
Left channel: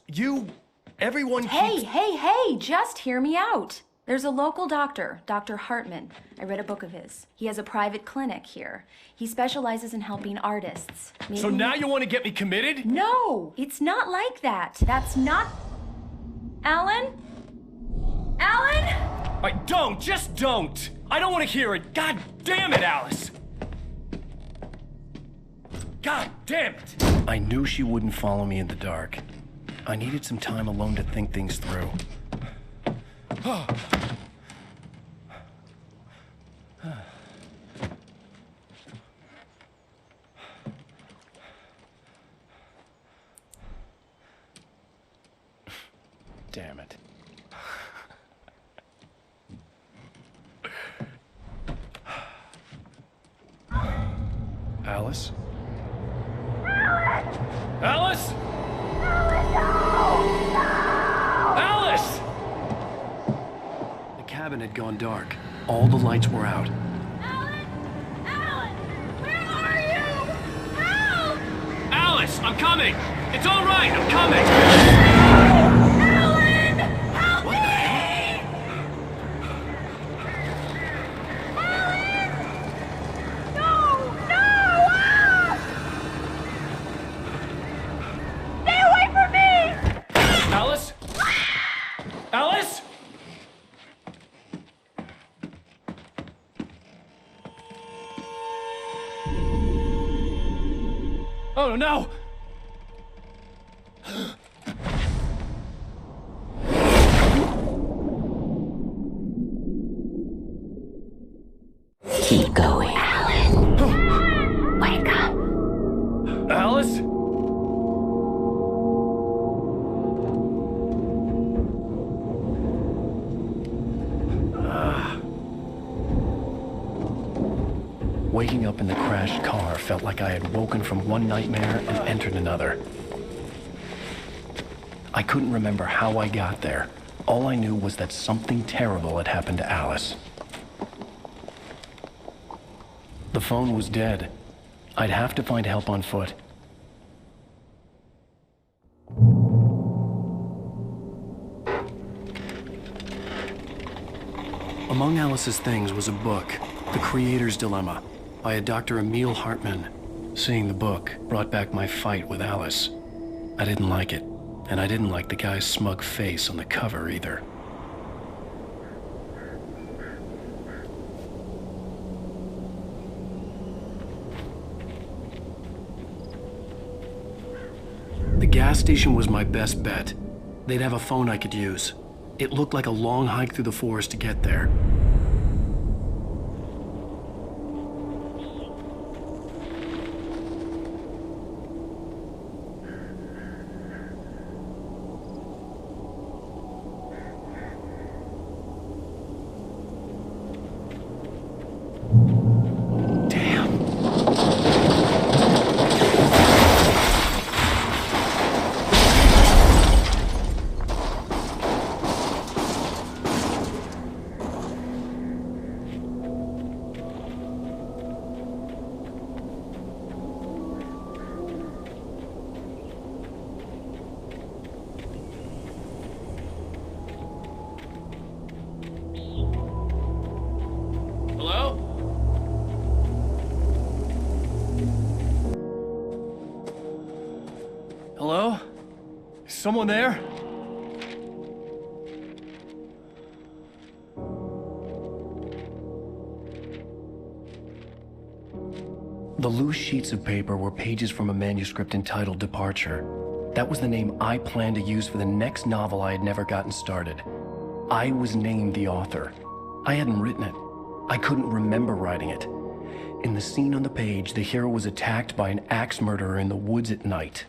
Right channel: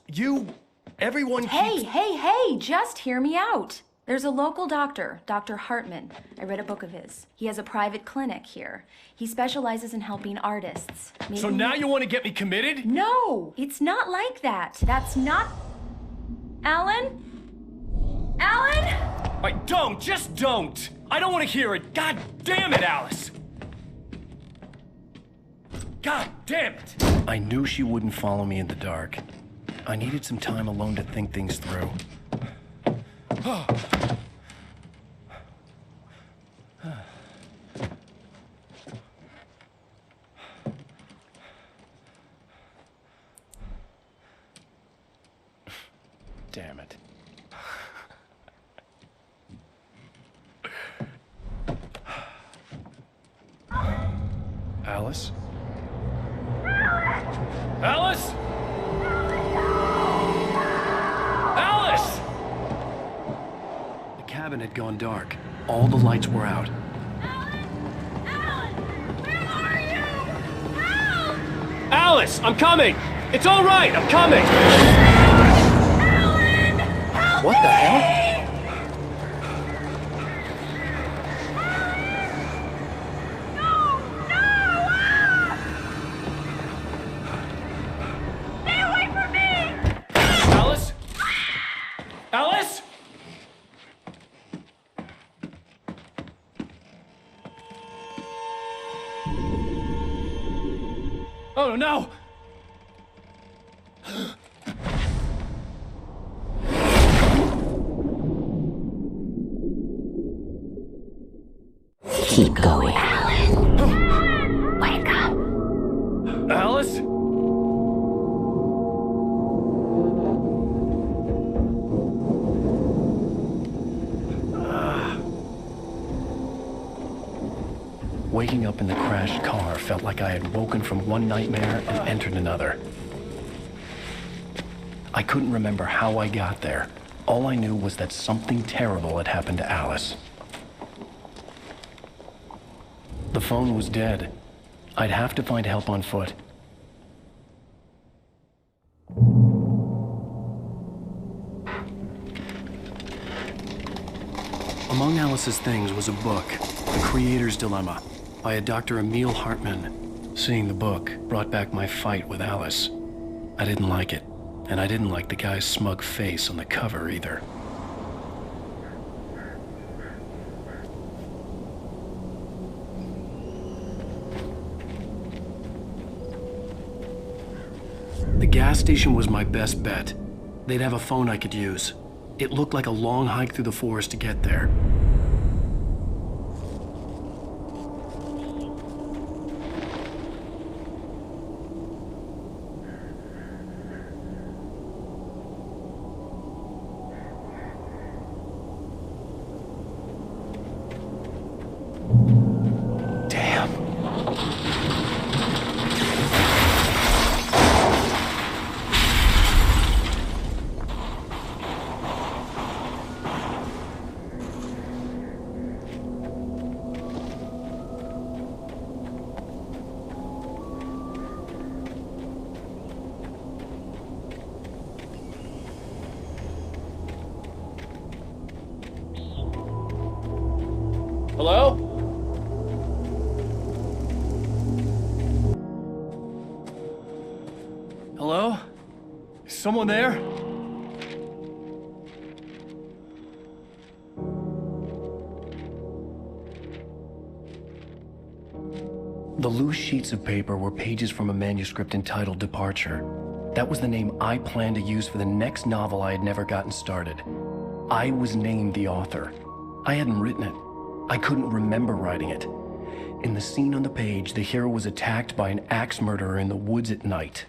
everyone Hey, just hear me out. There's a local doctor, Dr. Hartman. I read a book of his. He has a private clinic here. He specializes in helping artists. Maybe... So now you want to get me committed? No, it's not like that. That's not... Alan? Alan? Just don't! I don't want to hear it! God damn it, Alice! God damn it! I knew she wouldn't follow me in the dark. I needed some time alone to think things through. Damn it. Alice? Alice? Alice! The cabin had gone dark. All the lights were out. Alan! Alan! Where are you? Alice, I'm coming! It's all right, I'm coming! Alan! Help What the hell? Alice? Oh no! Keep going, Alan. Wake up! Alice? Waking up in the crashed car felt like I had woken from one nightmare and entered another. I couldn't remember how I got there. All I knew was that something terrible had happened to Alice. The phone was dead. I'd have to find help on foot. Among Alice's things was a book, The Creator's Dilemma, by a Dr. Emil Hartman. Seeing the book brought back my fight with Alice. I didn't like it, and I didn't like the guy's smug face on the cover either. The gas station was my best bet. They'd have a phone I could use. It looked like a long hike through the forest to get there. Hello? Hello? Is someone there? The loose sheets of paper were pages from a manuscript entitled Departure. That was the name I planned to use for the next novel I had never gotten started. I was named the author. I hadn't written it. I couldn't remember writing it. In the scene on the page, the hero was attacked by an axe murderer in the woods at night.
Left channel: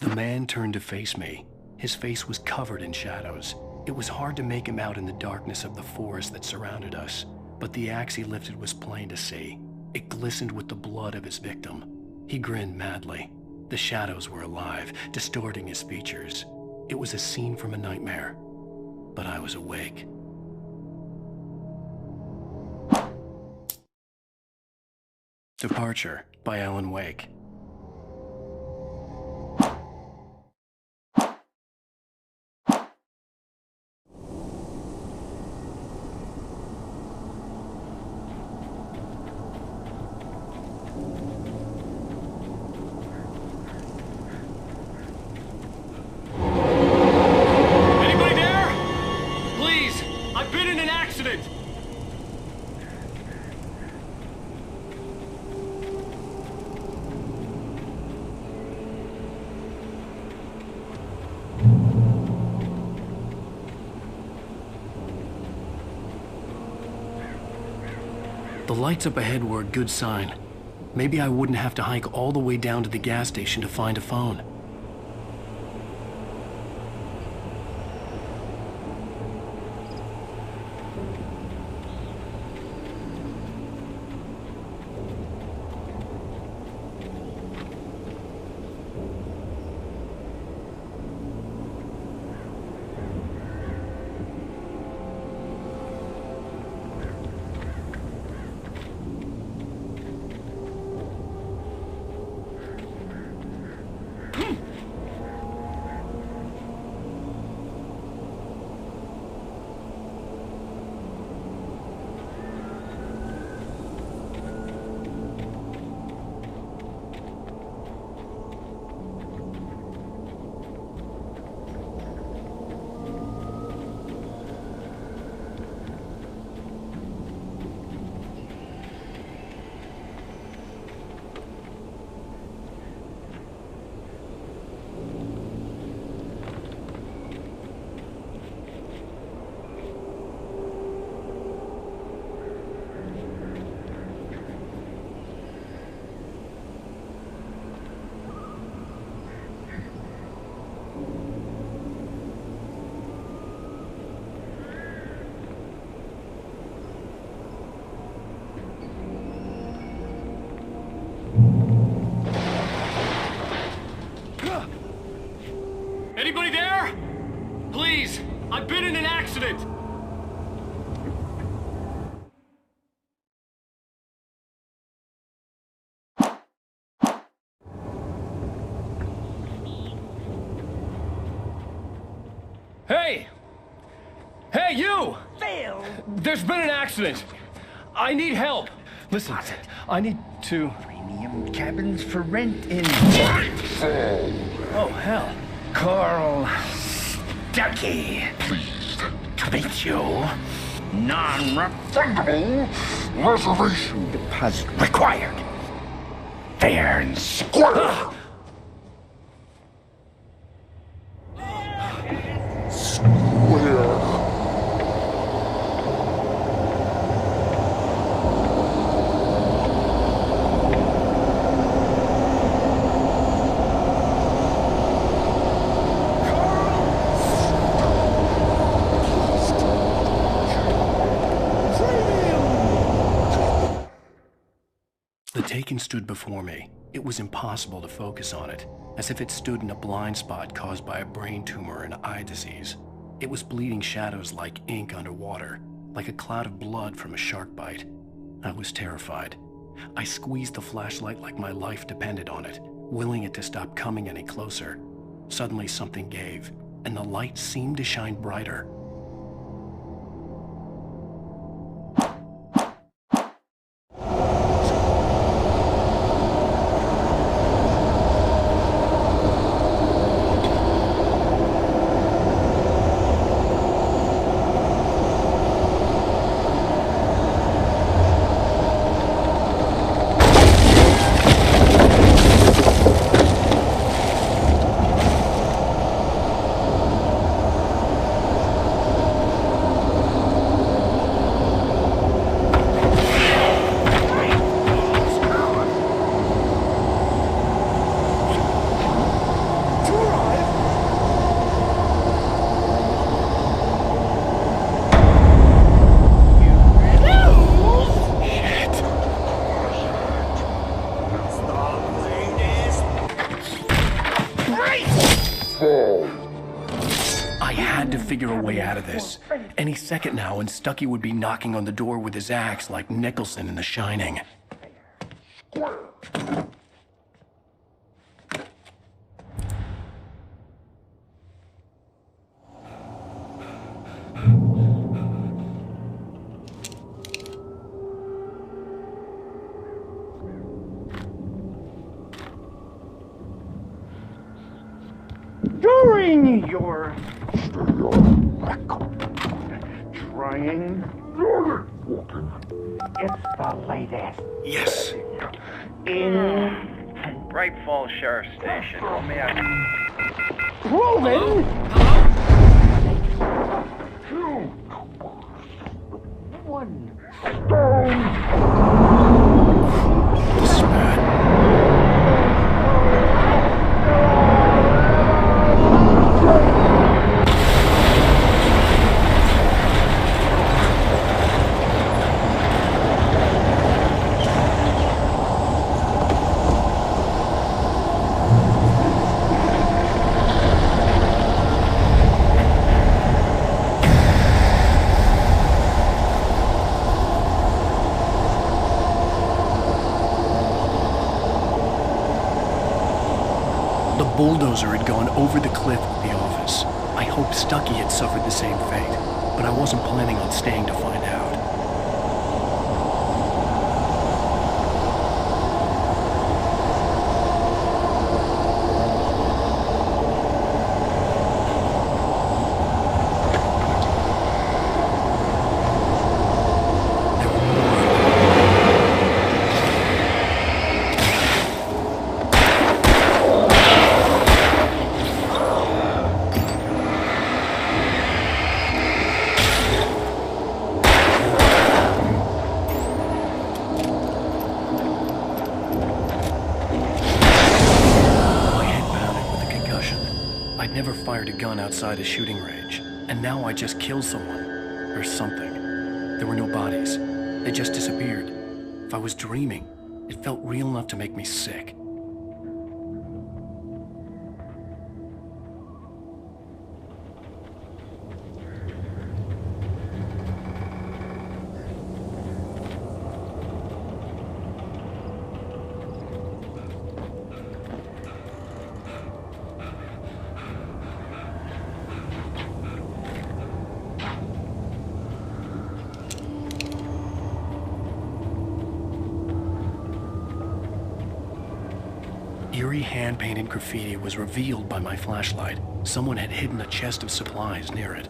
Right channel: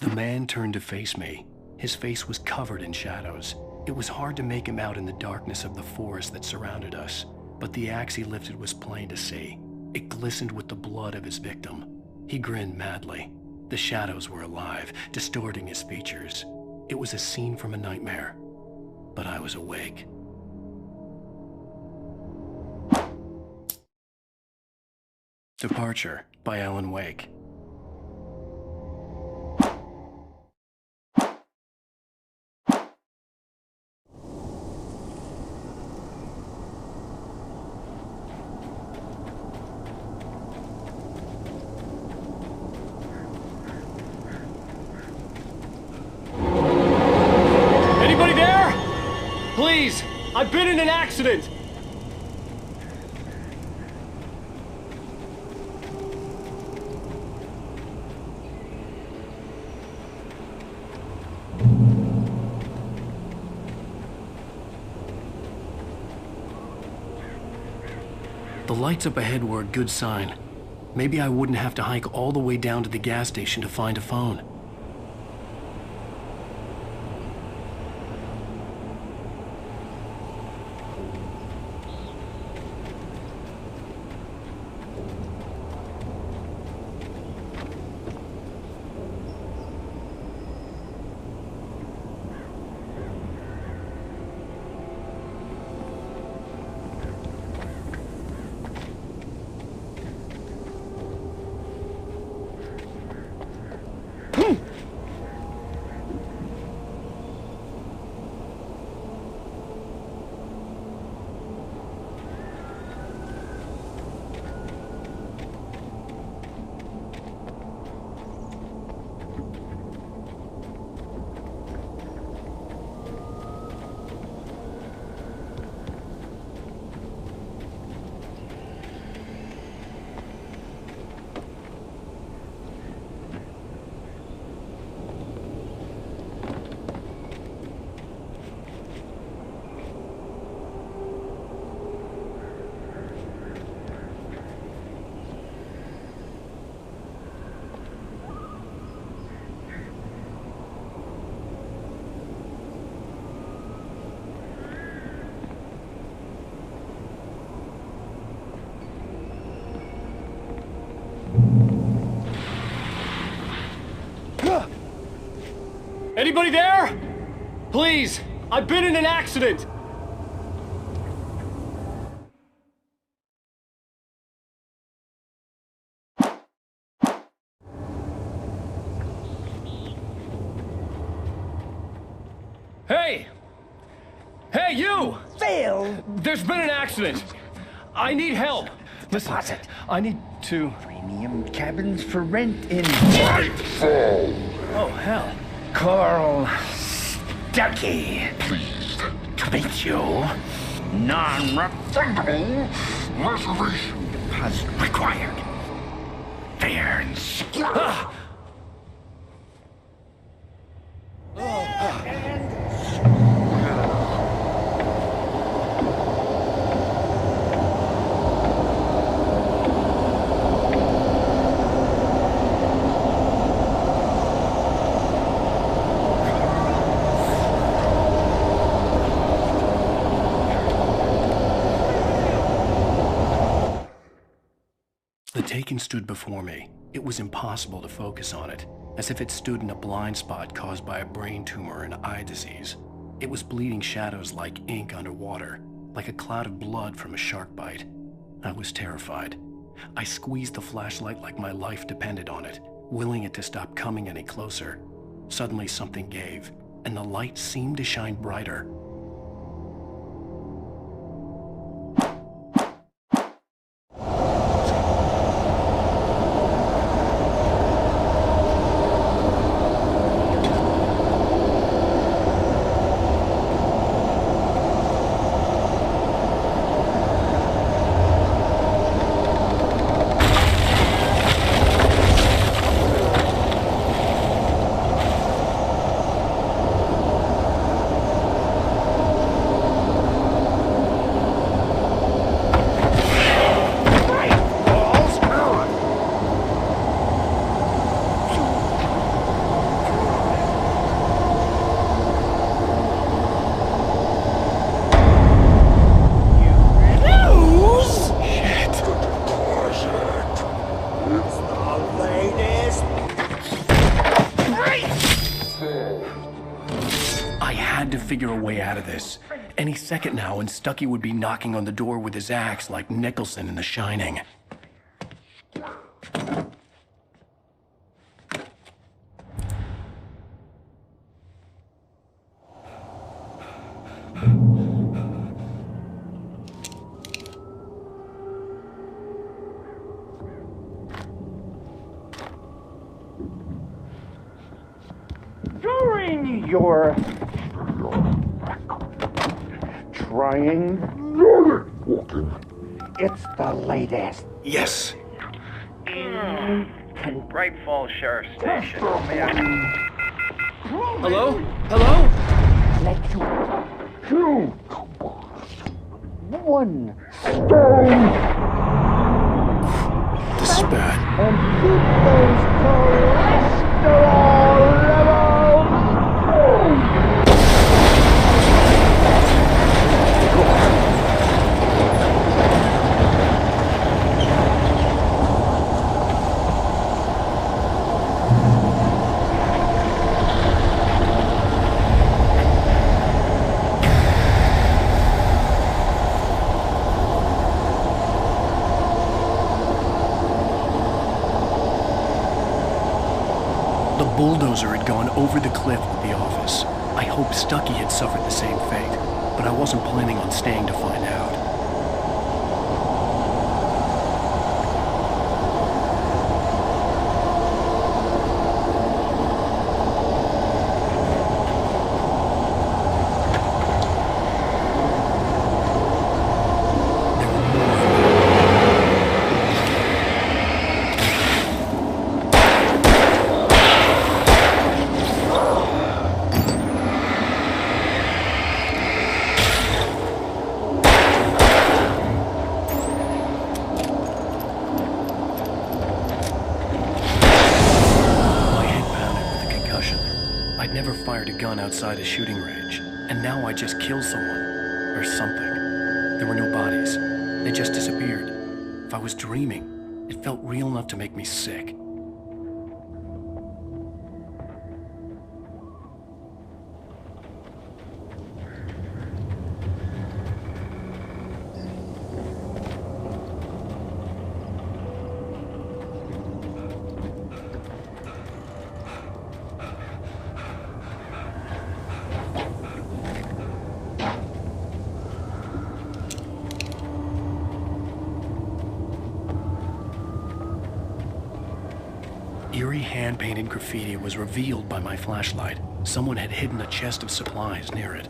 The man turned to face me. His face was covered in shadows. It was hard to make him out in the darkness of the forest that surrounded us, but the axe he lifted was plain to see. It glistened with the blood of his victim. He grinned madly. The shadows were alive, distorting his features. It was a scene from a nightmare, but I was awake. Departure by Alan Wake. Anybody there? Please, I've been in an accident. The lights up ahead were a good sign. Maybe I wouldn't have to hike all the way down to the gas station to find a phone. Anybody there? Please, I've been in an accident. Hey! Hey, you! Phil! There's been an accident. I need help. Listen, I need to... Premium cabins for rent in Nightfall. Oh, hell. Carl Stuckey. Pleased to meet you. Non-refundable reservation deposit required. Fair and square. And square. The Taken stood before me. It was impossible to focus on it, as if it stood in a blind spot caused by a brain tumor and eye disease. It was bleeding shadows like ink underwater, like a cloud of blood from a shark bite. I was terrified. I squeezed the flashlight like my life depended on it, willing it to stop coming any closer. Suddenly something gave, and the light seemed to shine brighter. I had to figure a way out of this. Any second now, and Stuckey would be knocking on the door with his axe like Nicholson in The Shining. During your trying, it's the latest. Yes. In Bright Falls Sheriff Station. How may I... Hello? Hello? 2, 1. This is bad. The bulldozer had gone over the cliff with the office. I hoped Stuckey had suffered the same fate, but I wasn't planning on staying to find out. There were more of them. I'd never fired a gun outside a shooting range, and now I just killed someone. Or something. There were no bodies. They just disappeared. If I was dreaming, it felt real enough to make me sick. eerie hand-painted graffiti was revealed by my flashlight. Someone had hidden a chest of supplies near it.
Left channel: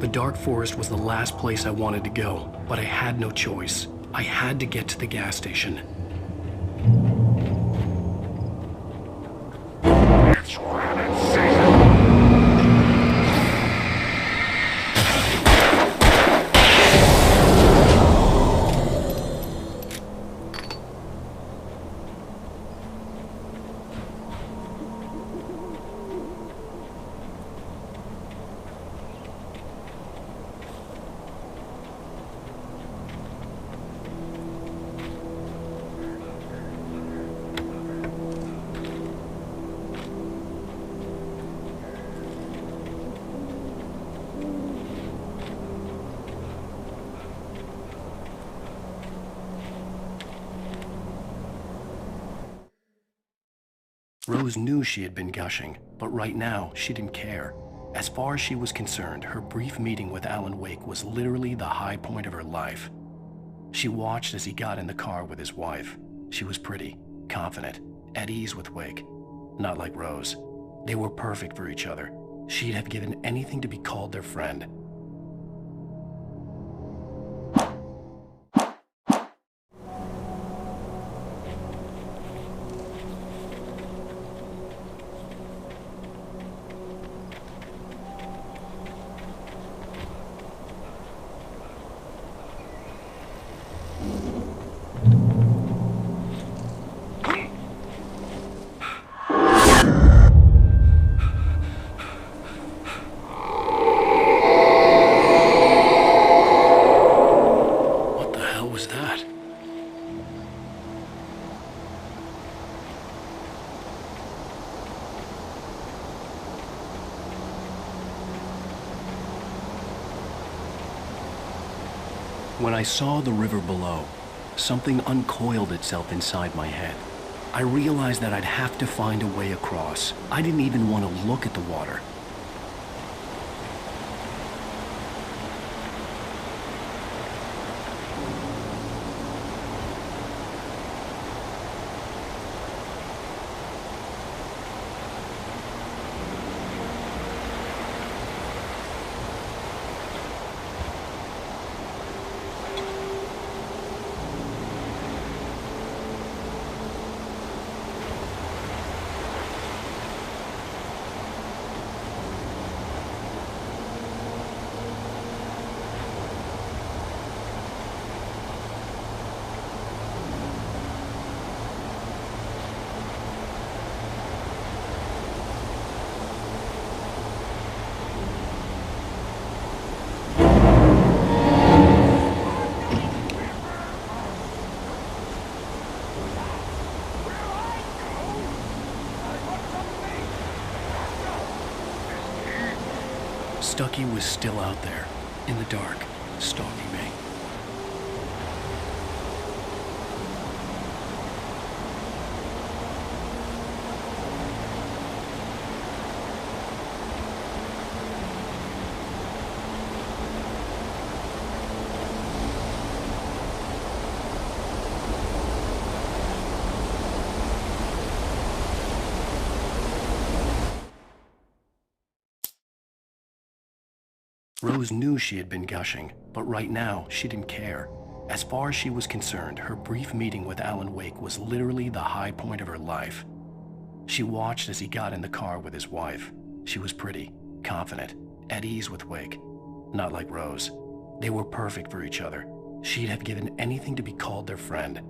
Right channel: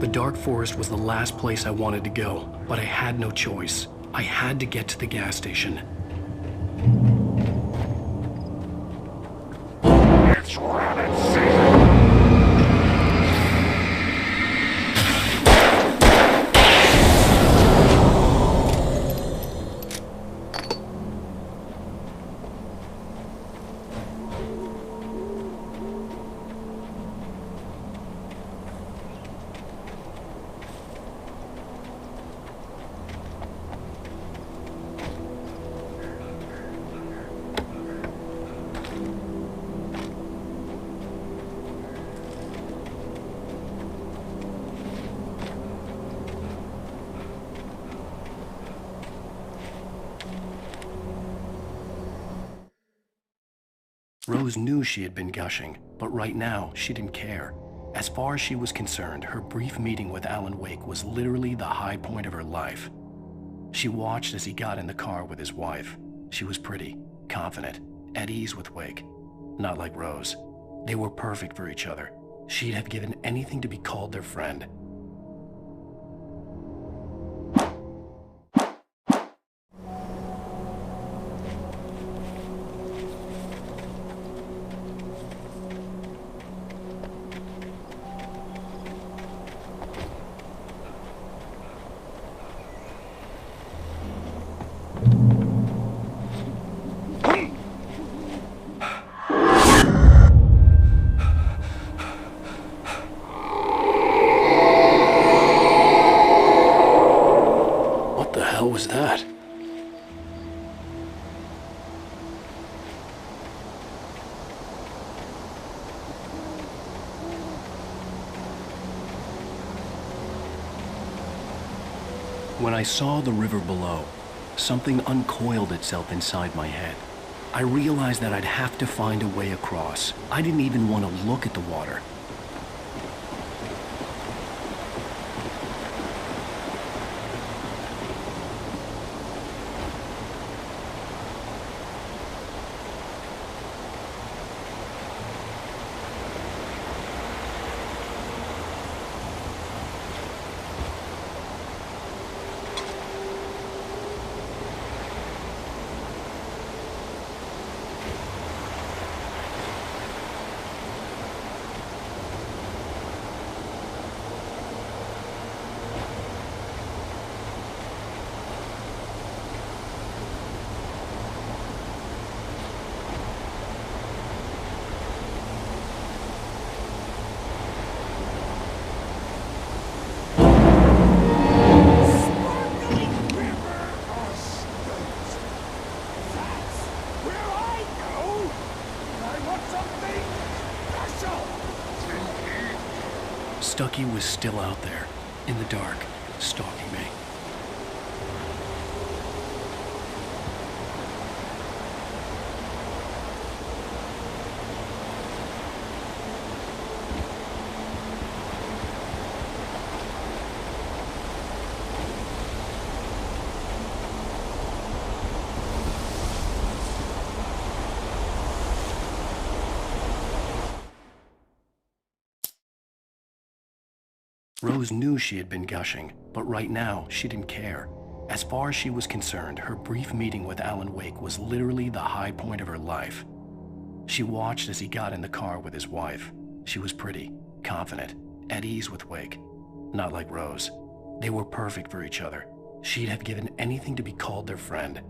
The dark forest was the last place I wanted to go, but I had no choice. I had to get to the gas station. It's rabbit season! Rose knew she had been gushing, but right now, she didn't care. As far as she was concerned, her brief meeting with Alan Wake was literally the high point of her life. She watched as he got in the car with his wife. She was pretty, confident, at ease with Wake. Not like Rose. They were perfect for each other. She'd have given anything to be called their friend. What was that? When I saw the river below, something uncoiled itself inside my head. I realized that I'd have to find a way across. I didn't even want to look at the water. Stucky was still out there, in the dark, stalking me. Rose knew she had been gushing, but right now, she didn't care. As far as she was concerned, her brief meeting with Alan Wake was literally the high point of her life. She watched as he got in the car with his wife. She was pretty, confident, at ease with Wake. Not like Rose. They were perfect for each other. She'd have given anything to be called their friend.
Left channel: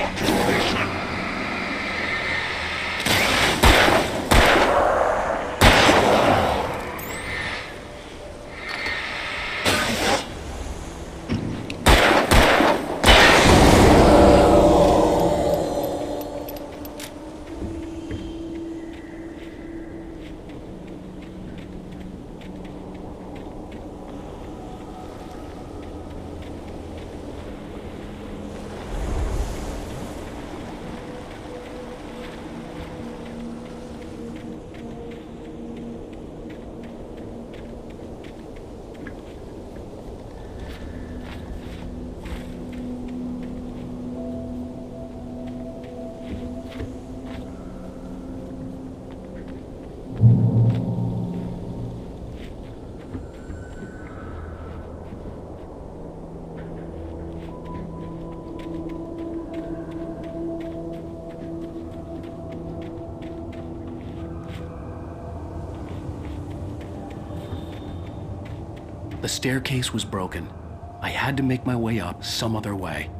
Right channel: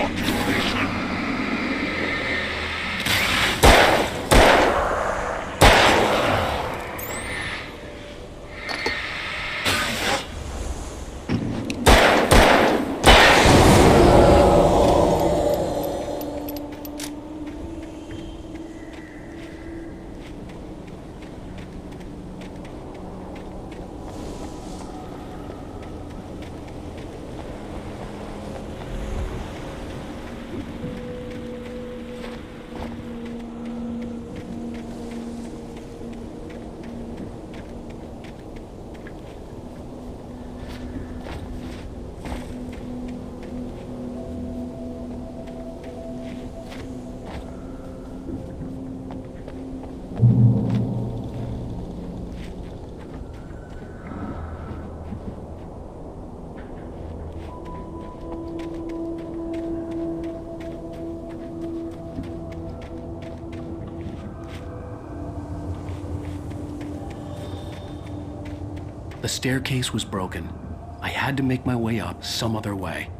population. The staircase was broken. I had to make my way up some other way.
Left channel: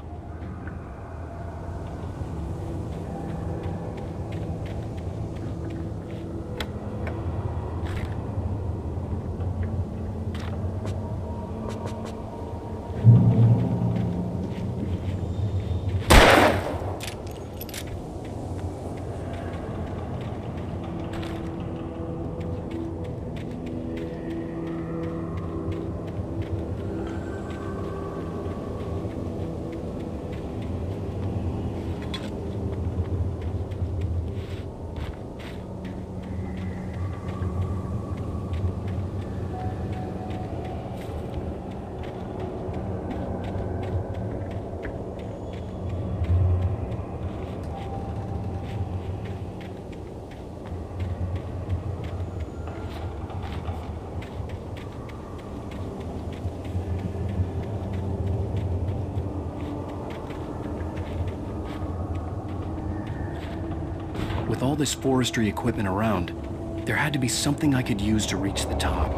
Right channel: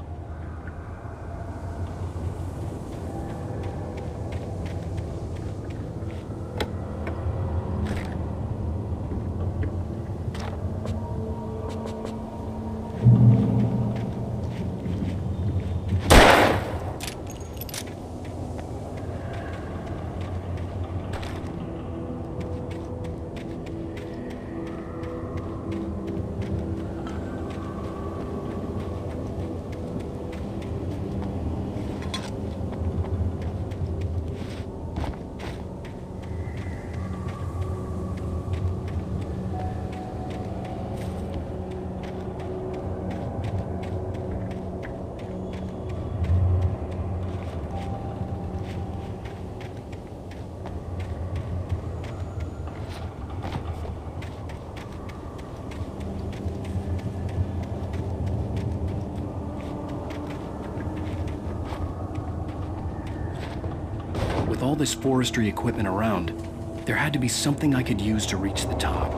With all this forestry equipment around, there had to be something I could use to reach the top.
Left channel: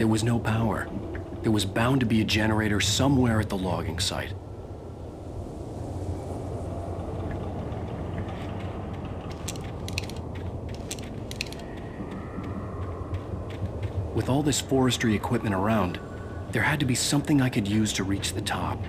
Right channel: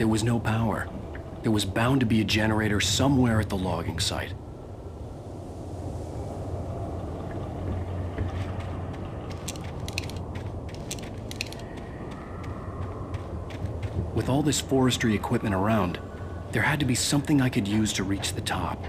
There was no power. There was bound to be a generator somewhere at the logging site. With all this forestry equipment around, there had to be something I could use to reach the top.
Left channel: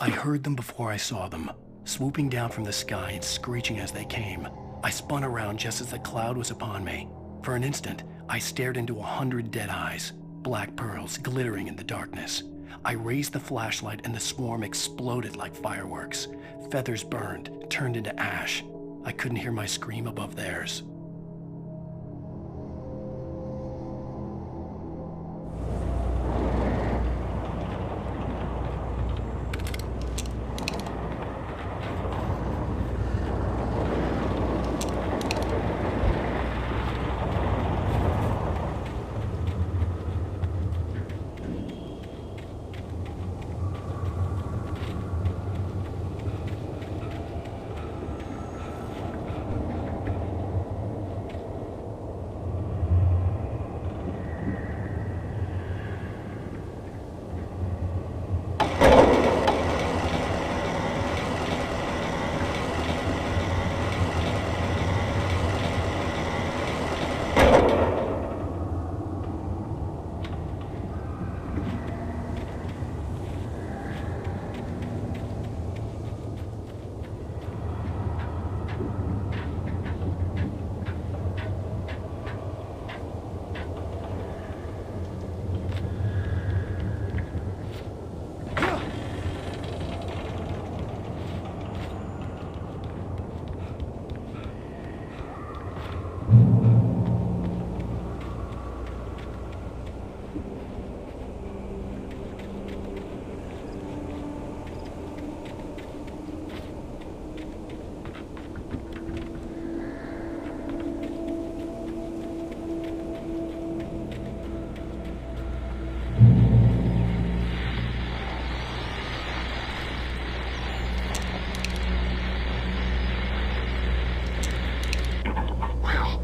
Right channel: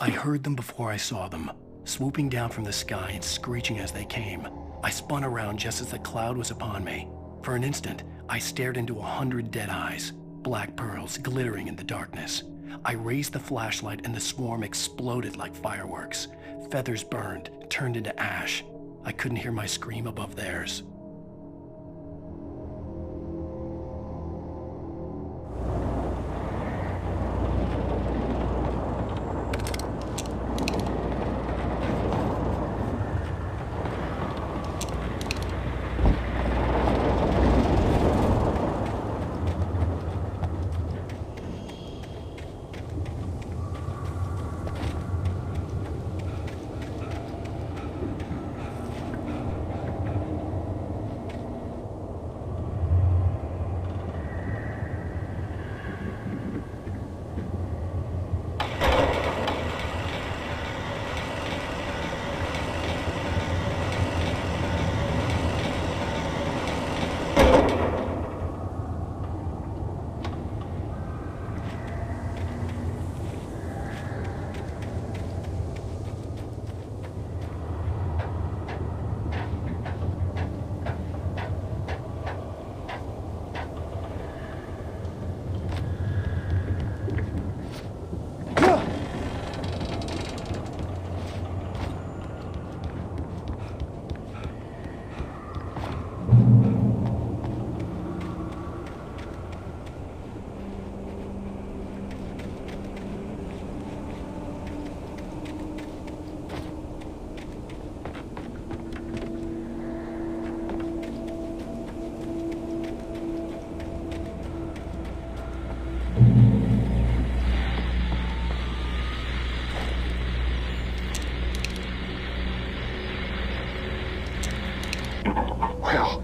I heard them before I saw them, swooping down from the sky and screeching as they came. I spun around just as the cloud was upon me. For an instant, I stared into 100 dead eyes, black pearls glittering in the darkness. I raised the flashlight and the swarm exploded like fireworks. Feathers burned, turned into ash. I couldn't hear my scream above theirs.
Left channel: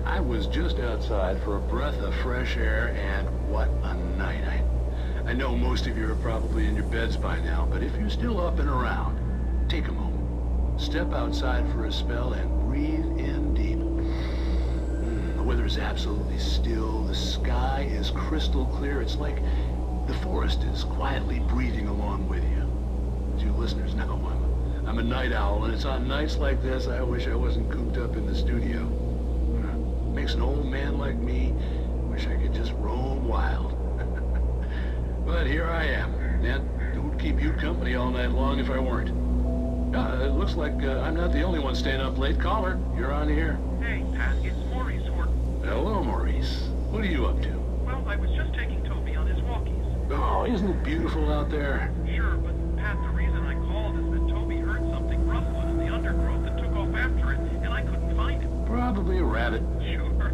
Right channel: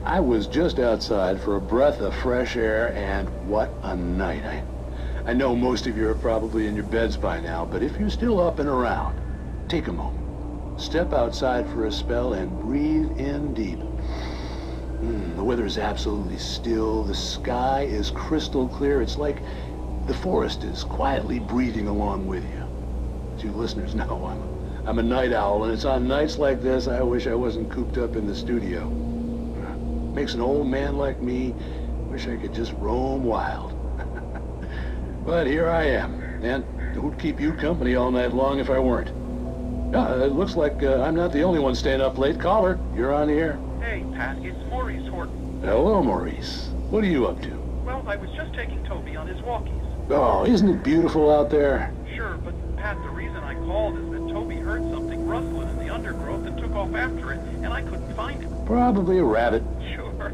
I was just outside for a breath of fresh air, and what a night. I know most of you are probably in your beds by now, but if you're still up and around, take a moment. Step outside for a spell and breathe in deep. The weather is absolutely still. The sky is crystal clear. It's like the forest is quietly breathing along with you. As you listeners know, I'm a night owl, and it's on nights like this I wish I wasn't cooped up in the studio. Makes an old man like me wish I could just roam wild. But here I am, and who'd keep you company all night long if I weren't? It looks like I'm not the only one staying up late. Caller, you're on the air. Hey, Pat, it's Maurice Horton. Hello, Maurice. What are you up to? Well, I was just taking Toby on his walkies. Oh, isn't it beautiful out there? Sure, but Pat, the reason I called is that Toby heard something rustling in the undergrowth and took off after it, and I couldn't find him. Probably a rabbit. Sure.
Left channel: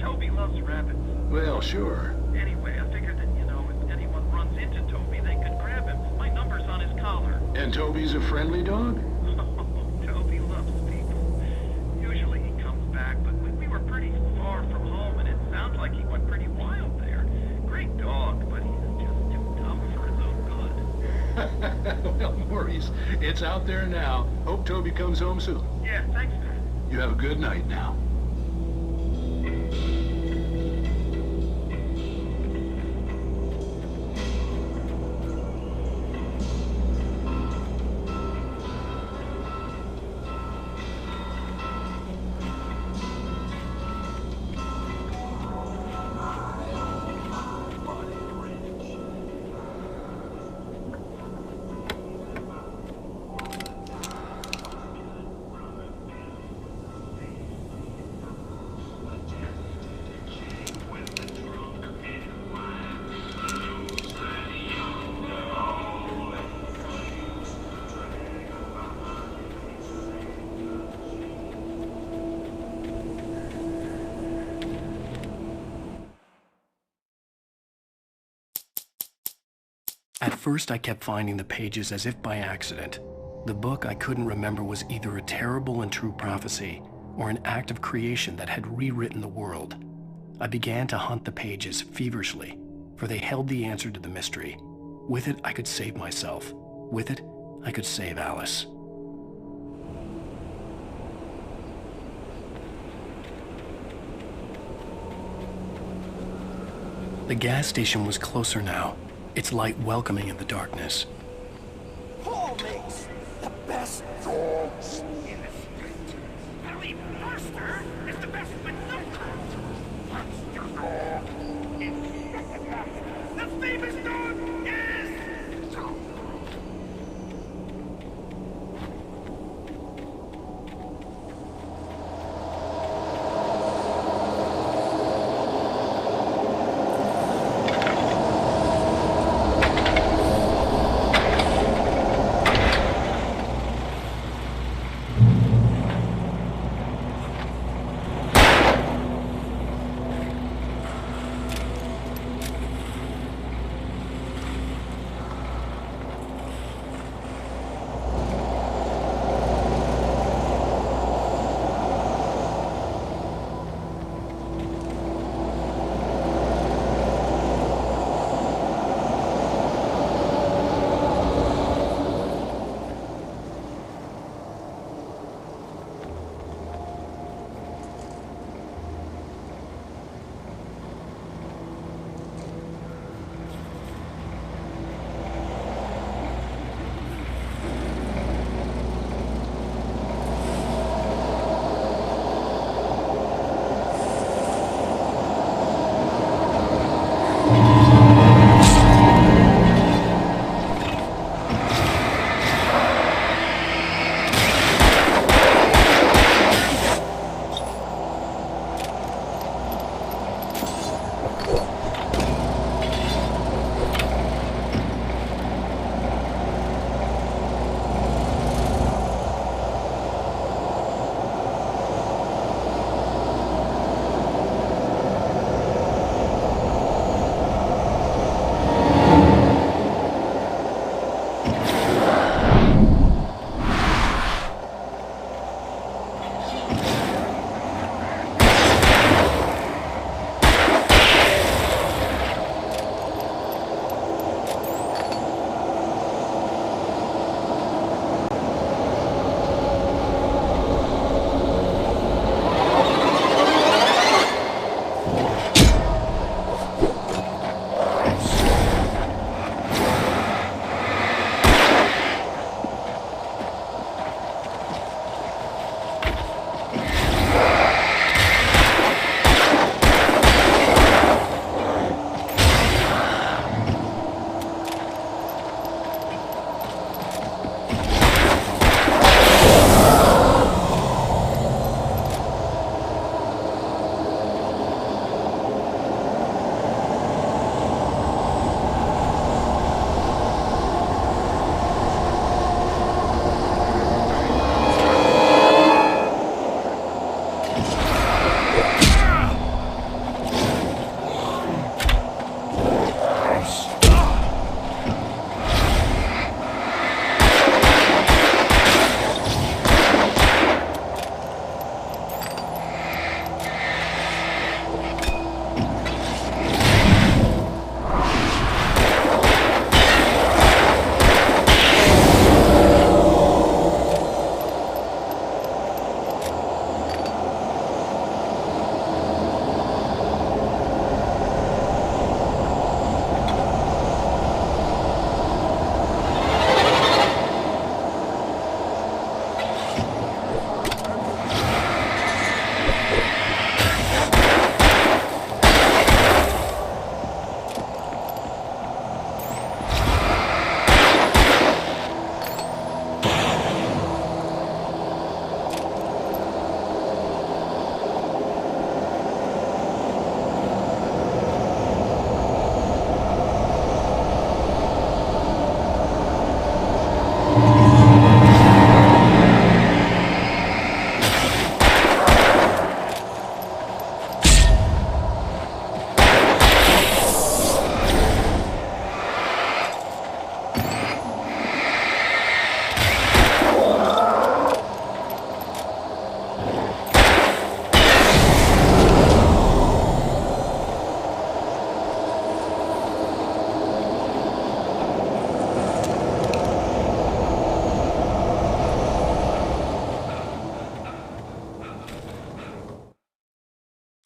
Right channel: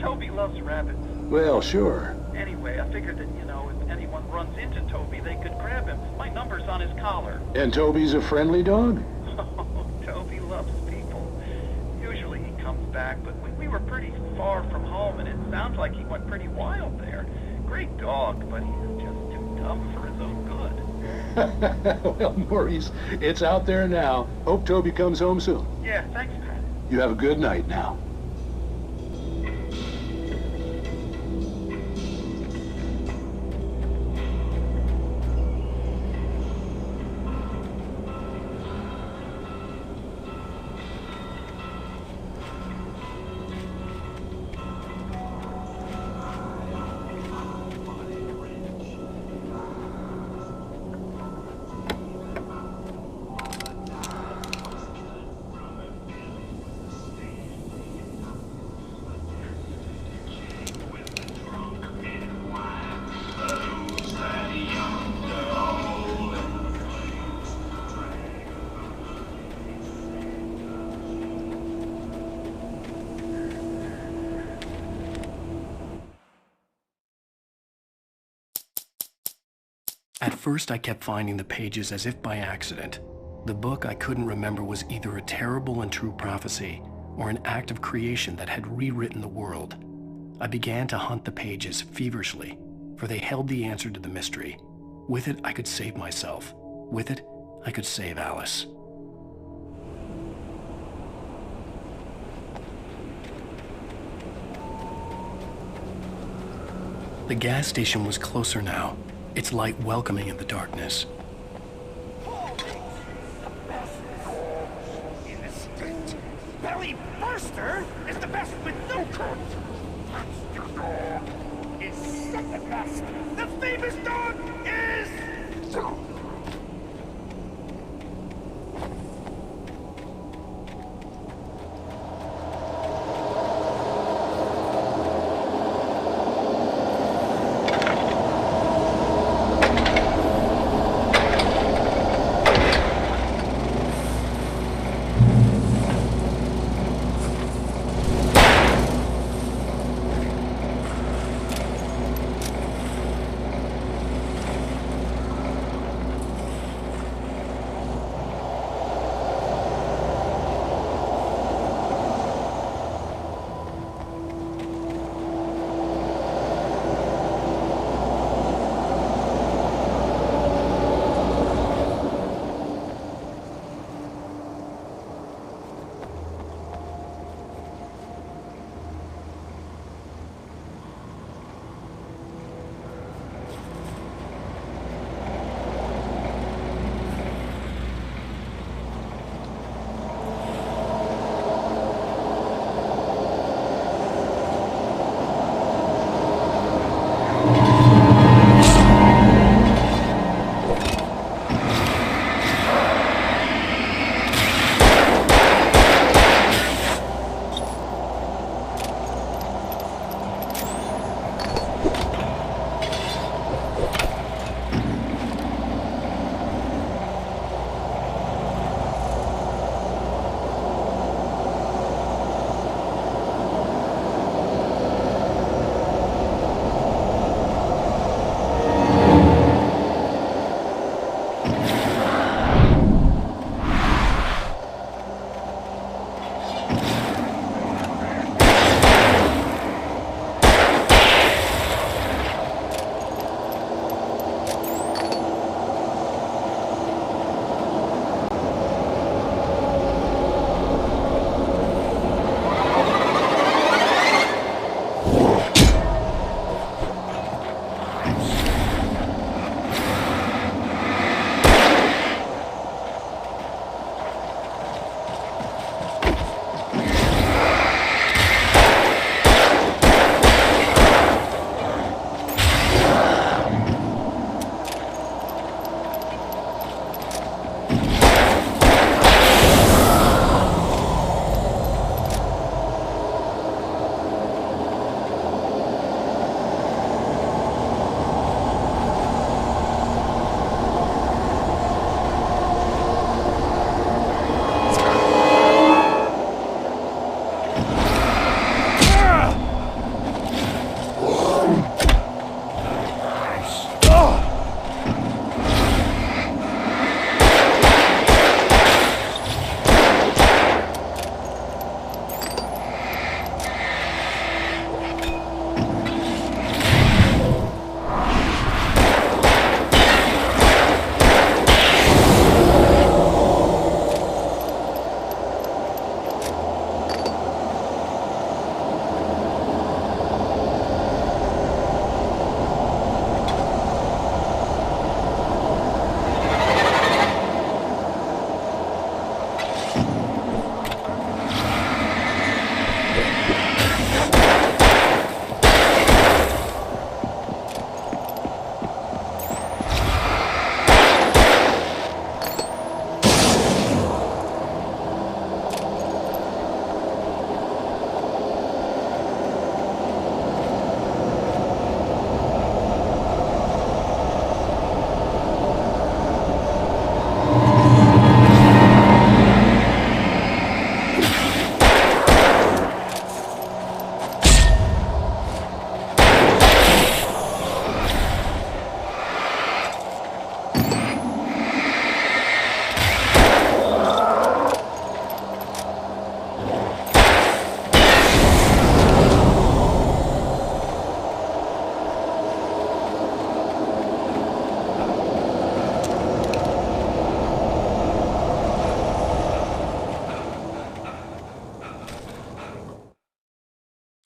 Toby loves rabbits. Well, sure. Anyway, I figured that, if anyone runs into Toby, they could grab him. My number's on his collar. And Toby's a friendly dog? Oh, Toby loves people. Usually he comes back, but we were pretty far from home, and it sounds like he went pretty wild there. Great dog, but he's just too dumb for his own good. Well, Maurice, it's out there now. Hope Toby comes home soon. Yeah, thanks, Pat. You have a good night now. At first, I kept finding the pages as if by accident. The book I couldn't remember was either a terrible and true prophecy or an act of creation that had rewritten the world. I began to hunt the pages feverishly, for they held the answer to the mystery. With it, I could save myself. With it, I could save Alice. The gas station was closer now, its light welcoming in the darkness. The best dogs in the state. Belly Burster is the best with no cut. Monster Dog is the best. The famous dog is...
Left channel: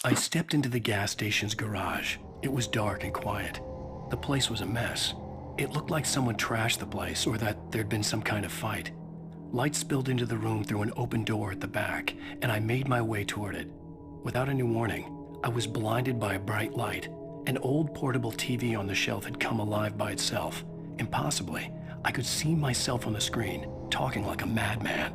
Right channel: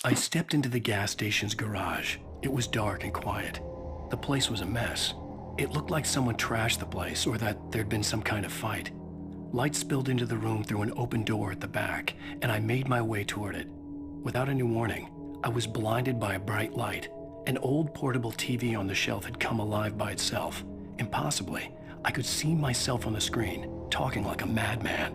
I stepped into the gas station's garage. It was dark and quiet. The place was a mess. It looked like someone trashed the place or that there'd been some kind of fight. Light spilled into the room through an open door at the back, and I made my way toward it. Without any warning, I was blinded by a bright light. An old portable TV on the shelf had come alive by itself. Impossibly, I could see myself on the screen, talking like a madman.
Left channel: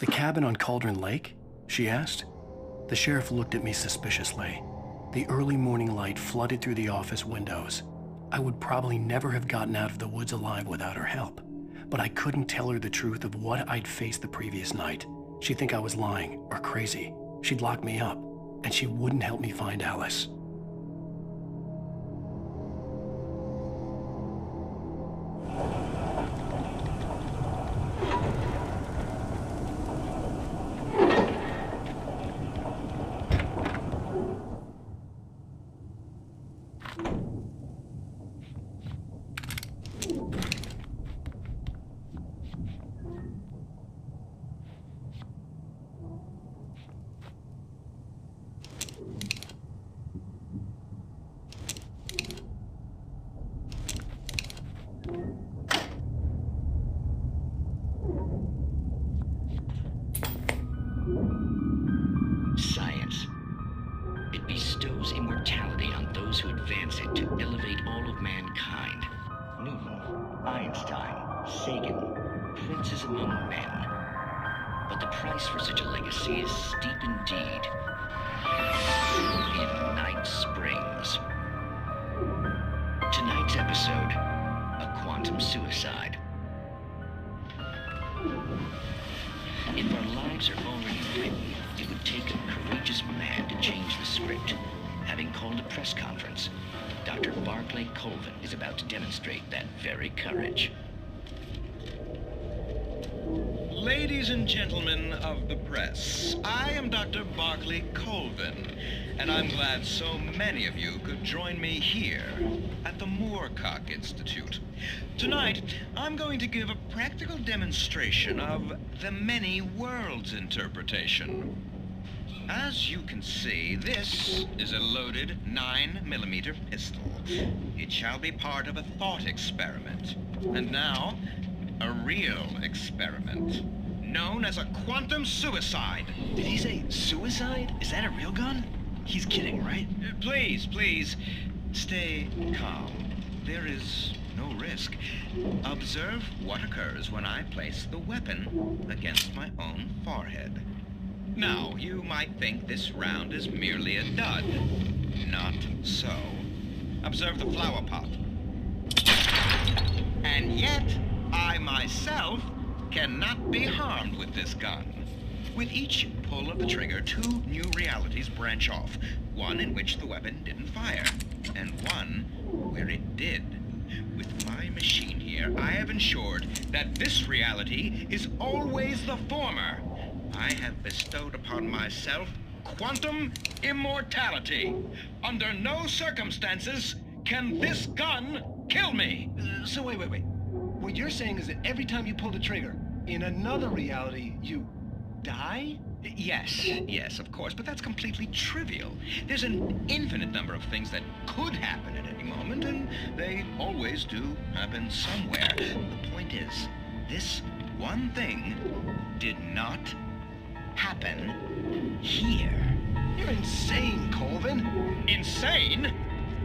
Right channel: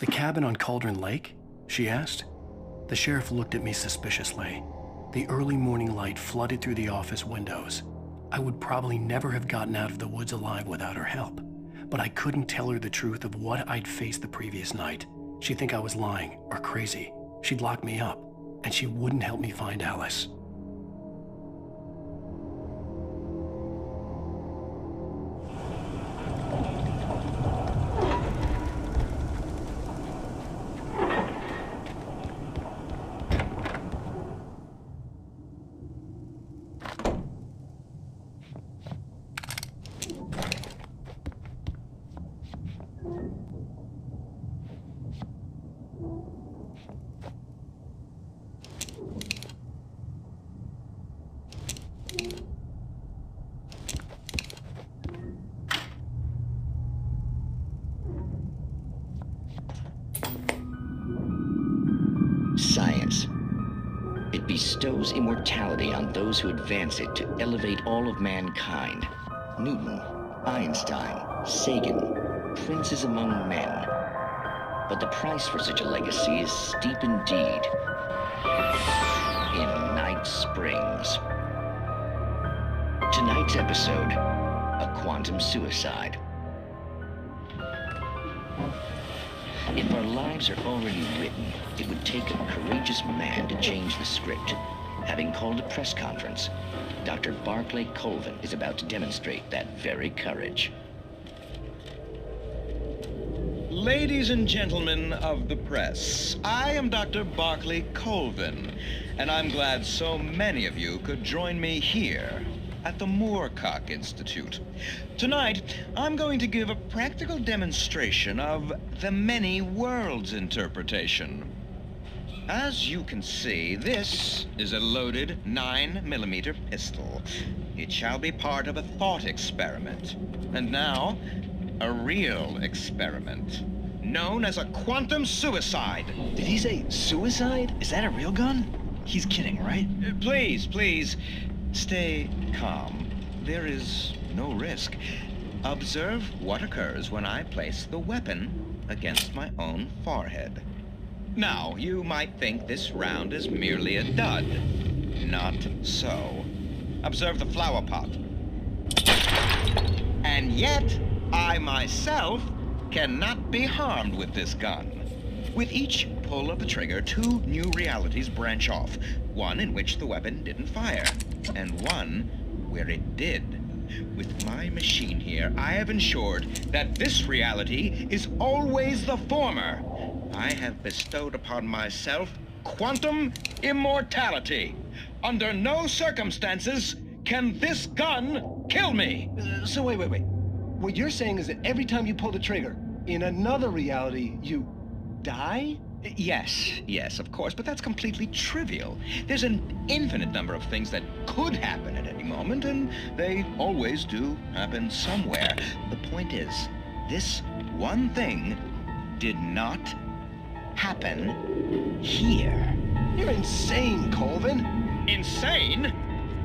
The cabin on Cauldron Lake? She asked. The sheriff looked at me suspiciously. The early morning light flooded through the office windows. I would probably never have gotten out of the woods alive without her help, but I couldn't tell her the truth of what I'd faced the previous night. She'd think I was lying or crazy. She'd lock me up, and she wouldn't help me find Alice. Science. It bestows immortality on those who advance it to elevate all of mankind. Newton, Einstein, Sagan, princes among men. But the price for such a legacy is steep indeed. In Night Springs. Tonight's episode, a quantum suicide. If our lives are already written, it would take a courageous man to change the script. Having called a press conference, Dr. Barclay Colvin is about to demonstrate that very courage. Ladies and gentlemen of the press, I am Dr. Barclay Colvin, and I'm glad so many of you could join me here at the Moorcock Institute. Tonight, I'm going to give a practical demonstration of the many worlds interpretation. As you can see, this is a loaded 9mm pistol. It shall be part of a thought experiment. And now, a real experiment, known as a quantum suicide. Did he say suicide? Is that a real gun? He's kidding, right? Please, stay calm. There is no risk. Observe what occurs when I place the weapon against my own forehead. Now, you might think this round is merely a dud. Not so. Observe the flower pot. And yet, I myself cannot be harmed with this gun. With each pull of the trigger, 2 new realities branch off. One in which the weapon didn't fire, and one where it did. With my machine here, I have ensured that this reality is always the former. I have bestowed upon myself quantum immortality. Under no circumstances can this gun kill me. So wait. What you're saying is that every time you pull the trigger, in another reality, you die? Yes, of course, but that's completely trivial. There's an infinite number of things that could happen at any moment, and they always do happen somewhere. The point is, this one thing did not happen here. You're insane, Colvin. Insane?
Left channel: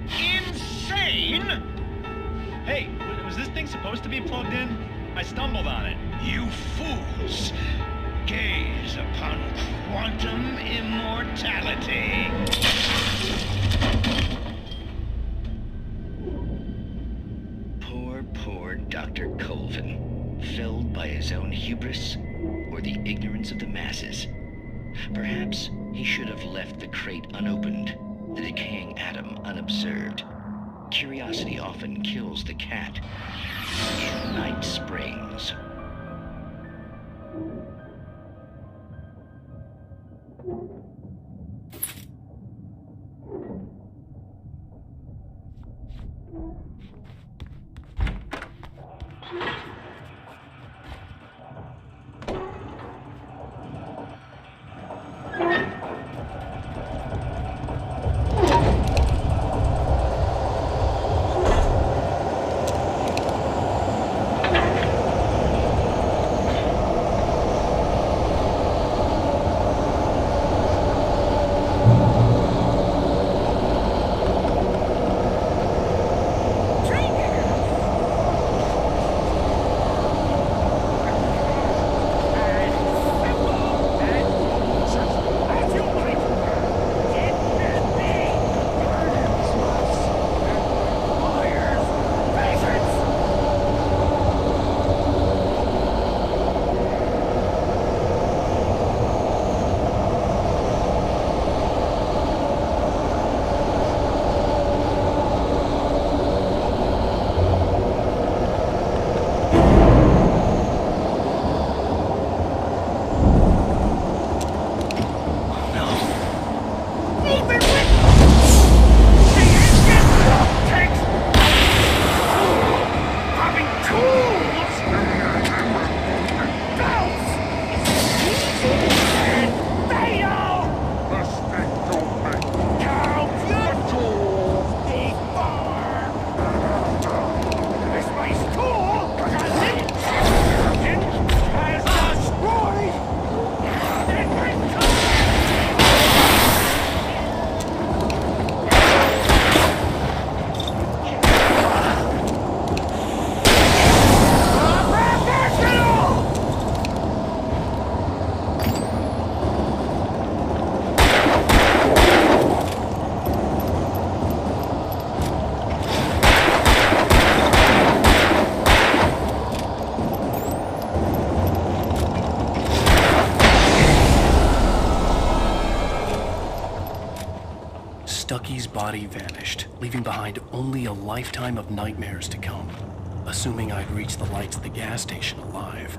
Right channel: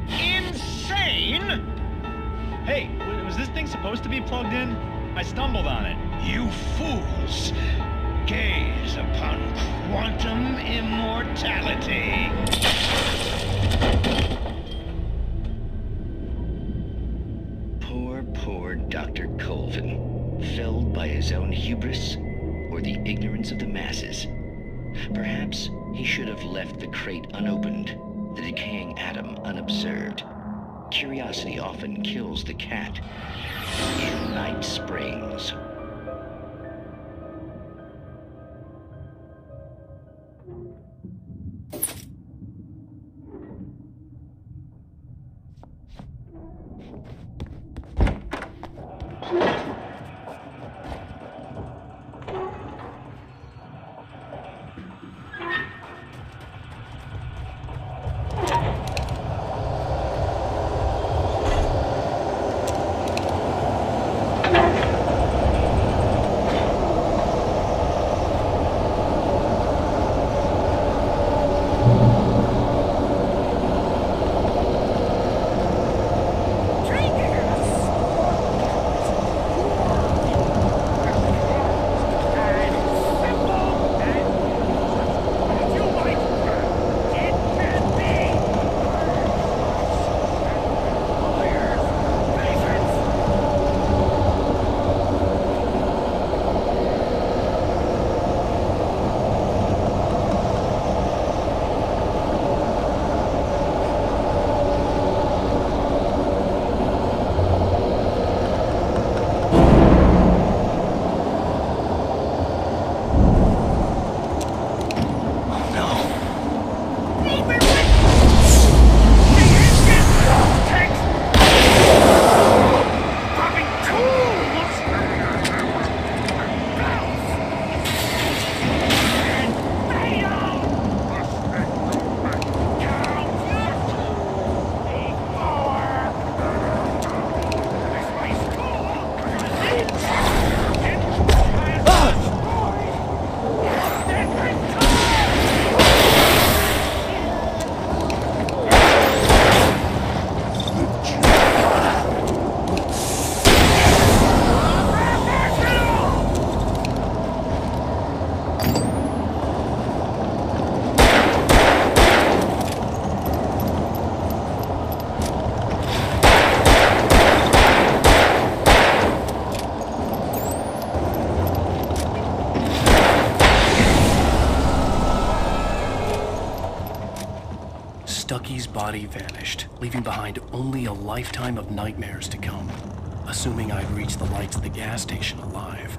Insane? Hey, was this thing supposed to be plugged in? I stumbled on it. You fools! Gaze upon quantum immortality. Poor Dr. Colvin, felled by his own hubris or the ignorance of the masses. Perhaps he should have left the crate unopened, the decaying atom unobserved. Curiosity often kills the cat in Night Springs. Stucky's body vanished, leaving behind only a lifetime of nightmares to come, assuming I'd reached the lights at the gas station alive.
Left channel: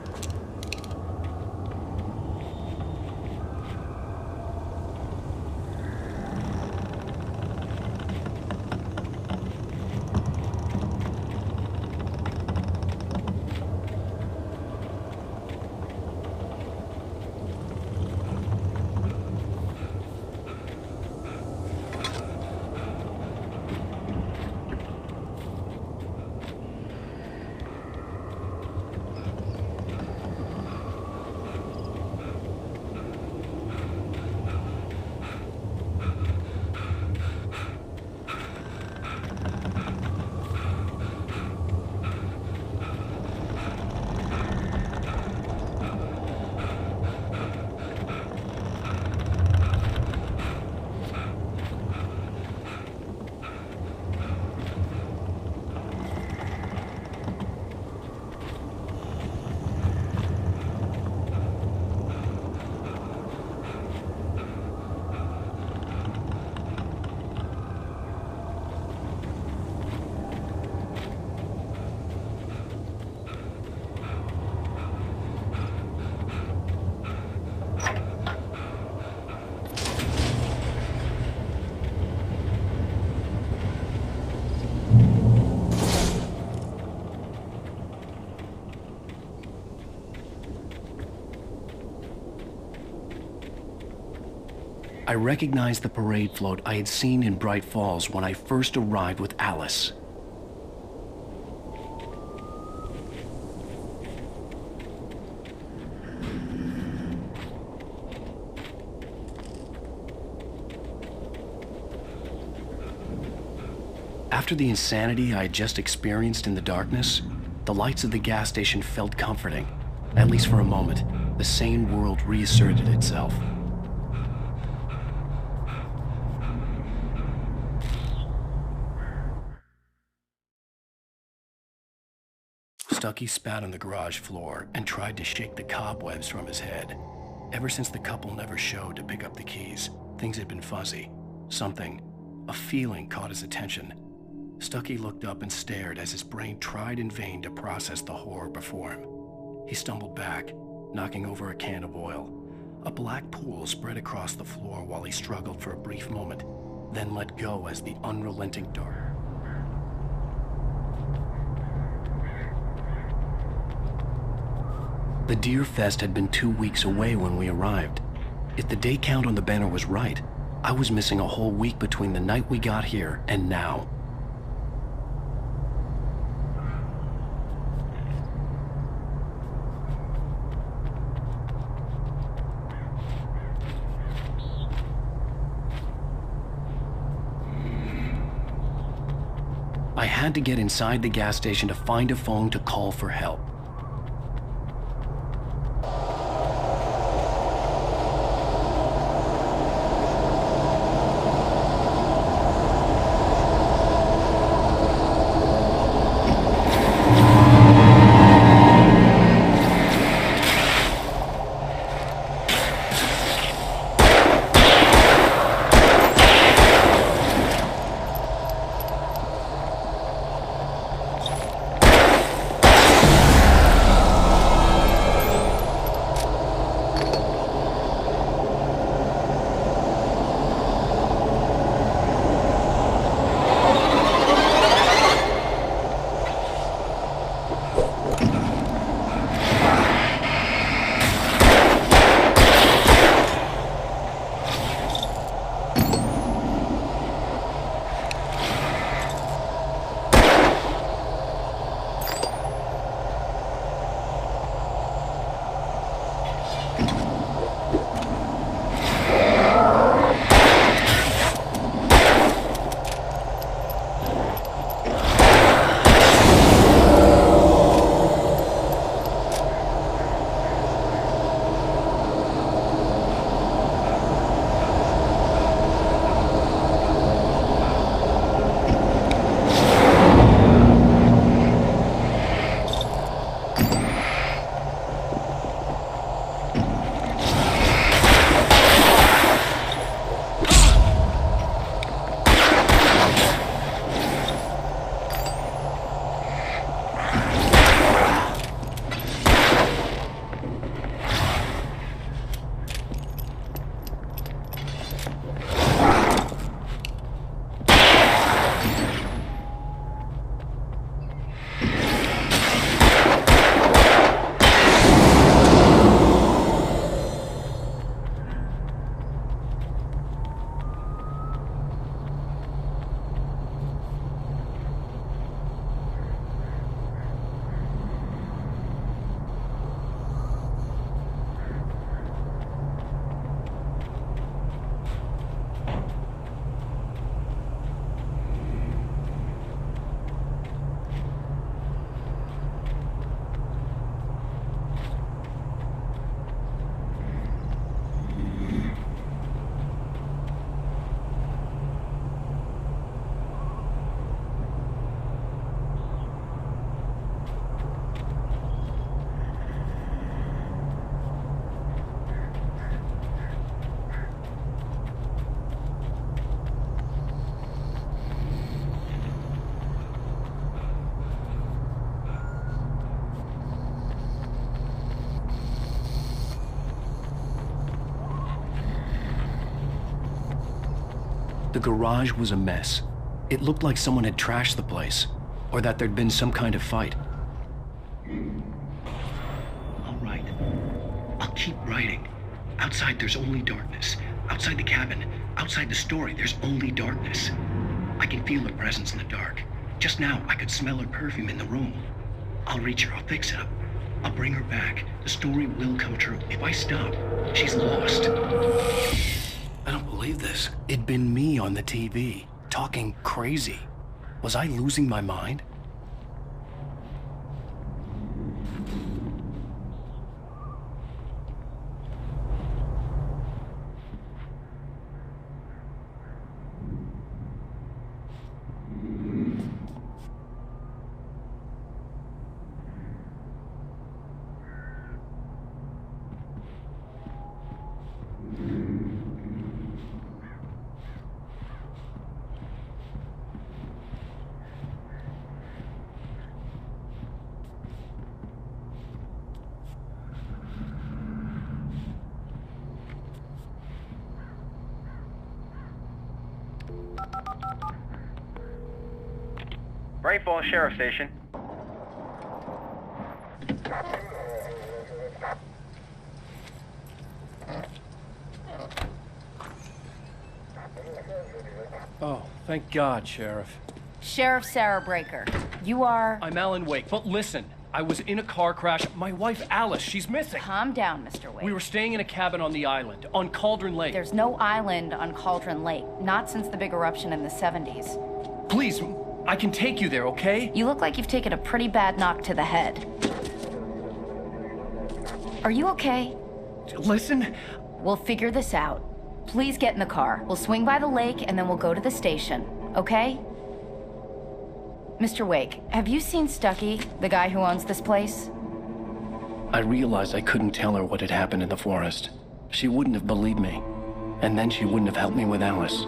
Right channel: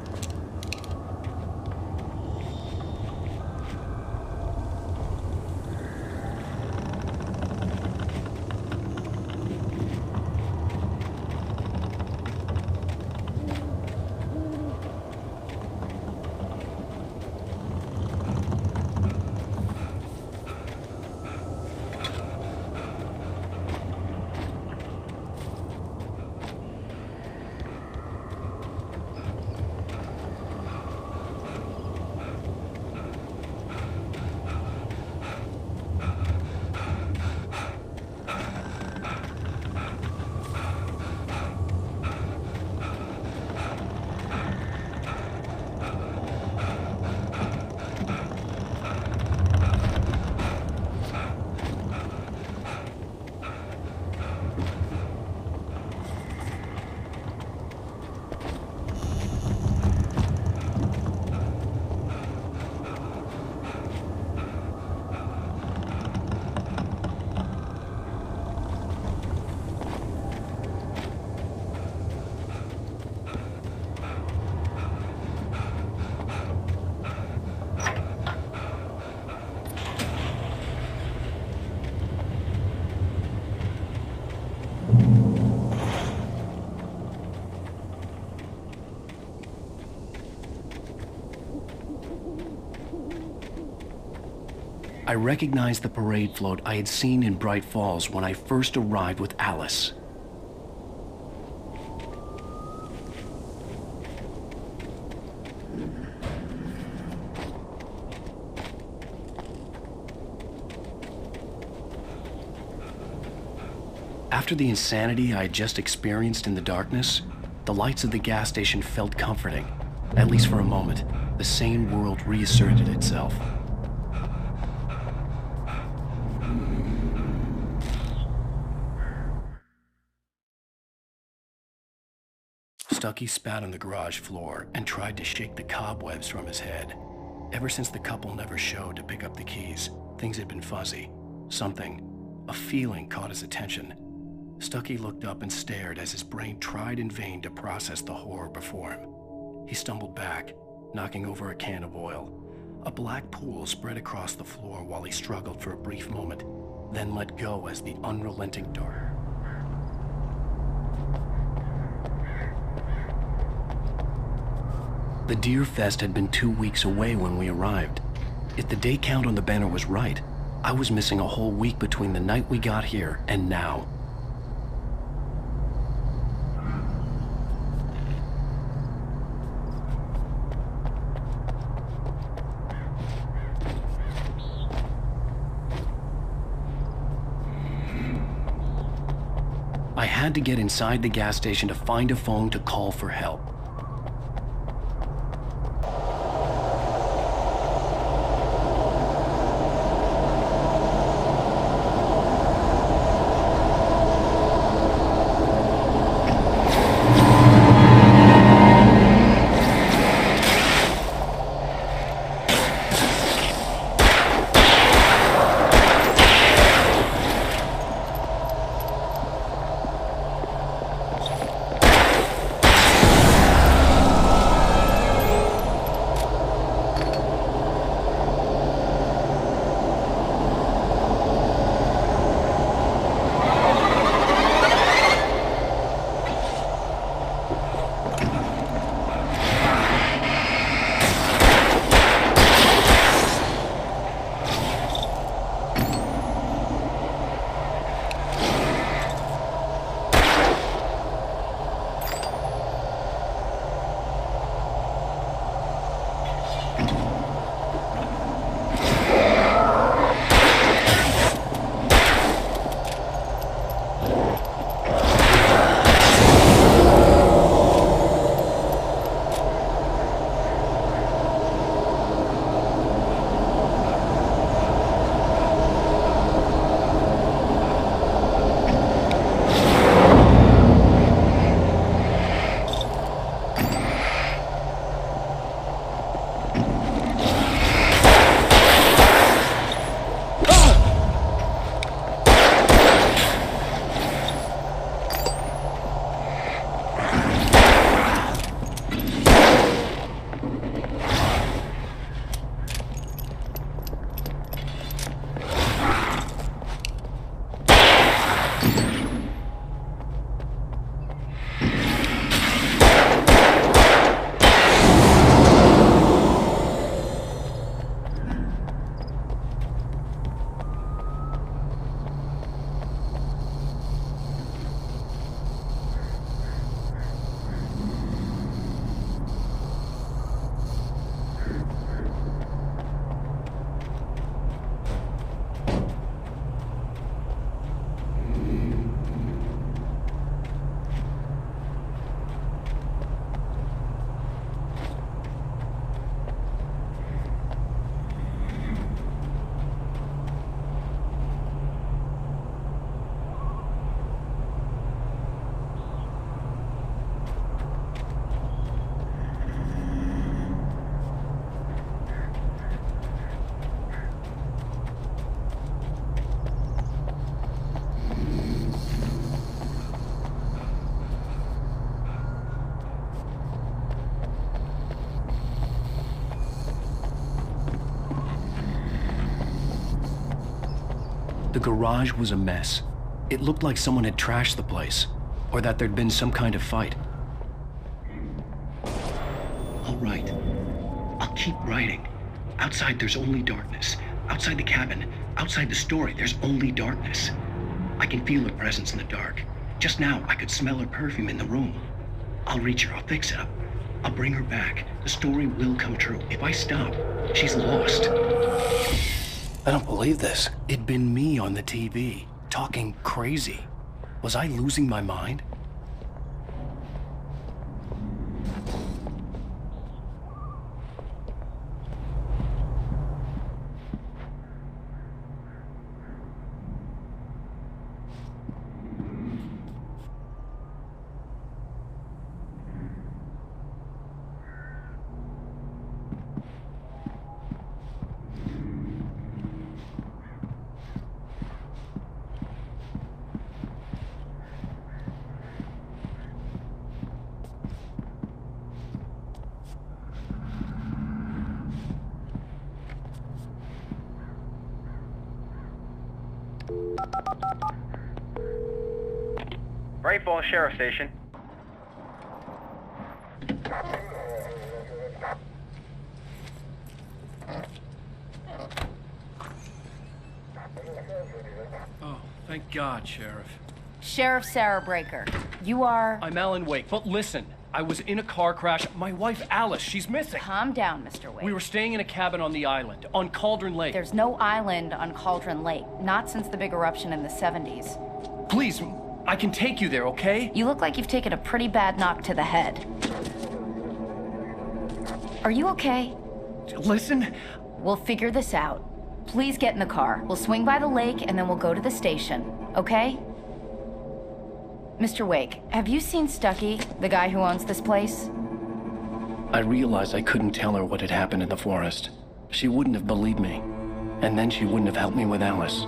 I recognized the parade float I had seen in Bright Falls when I first arrived with Alice. After the insanity I had just experienced in the darkness, the lights of the gas station felt comforting. At least for a moment, the sane world reasserted itself. Stucky spat on the garage floor and tried to shake the cobwebs from his head. Ever since the couple never showed to pick up the keys, things had been fuzzy. Something, a feeling caught his attention. Stucky looked up and stared as his brain tried in vain to process the horror before him. He stumbled back, knocking over a can of oil. A black pool spread across the floor while he struggled for a brief moment, then let go as the unrelenting dark. The Deer Fest had been 2 weeks away when we arrived. If the day count on the banner was right, I was missing a whole week between the night we got here and now. I had to get inside the gas station to find a phone to call for help. The garage was a mess. It looked like someone had trashed the place, or that there'd been some kind of fight. All right. I'll keep writing. Outside there's only darkness. Outside the cabin, outside the story, there's only darkness. I can feel her presence in the dark. Just now, I could smell her perfume in the room. I'll reach her, I'll fix it up. I'll bring her back. The story will come true. If I stop, she's lost. I don't believe this. It'd been me on the TV, talking crazy. Was I losing my mind? Bright Falls Sheriff Station. Oh, thank God, Sheriff. Sheriff Sarah Breaker. You are... I'm Alan Wake, but listen. I was in a car crash. My wife, Alice, she's missing. Calm down, Mr. Wake. We were staying in a cabin on the island, on Cauldron Lake. There's no island on Cauldron Lake. Not since the big eruption in the 70s. Please, I can take you there, okay? You look like you've taken a pretty bad knock to the head. Are you okay? Listen. We'll figure this out. Please get in the car. We'll swing by the lake and then we'll go to the station, okay? Mr. Wake, have you seen Stucky, the guy who owns this place? I realized I couldn't tell her what had happened in the forest. She wouldn't have believed me. And then she wouldn't have helped me with Alice.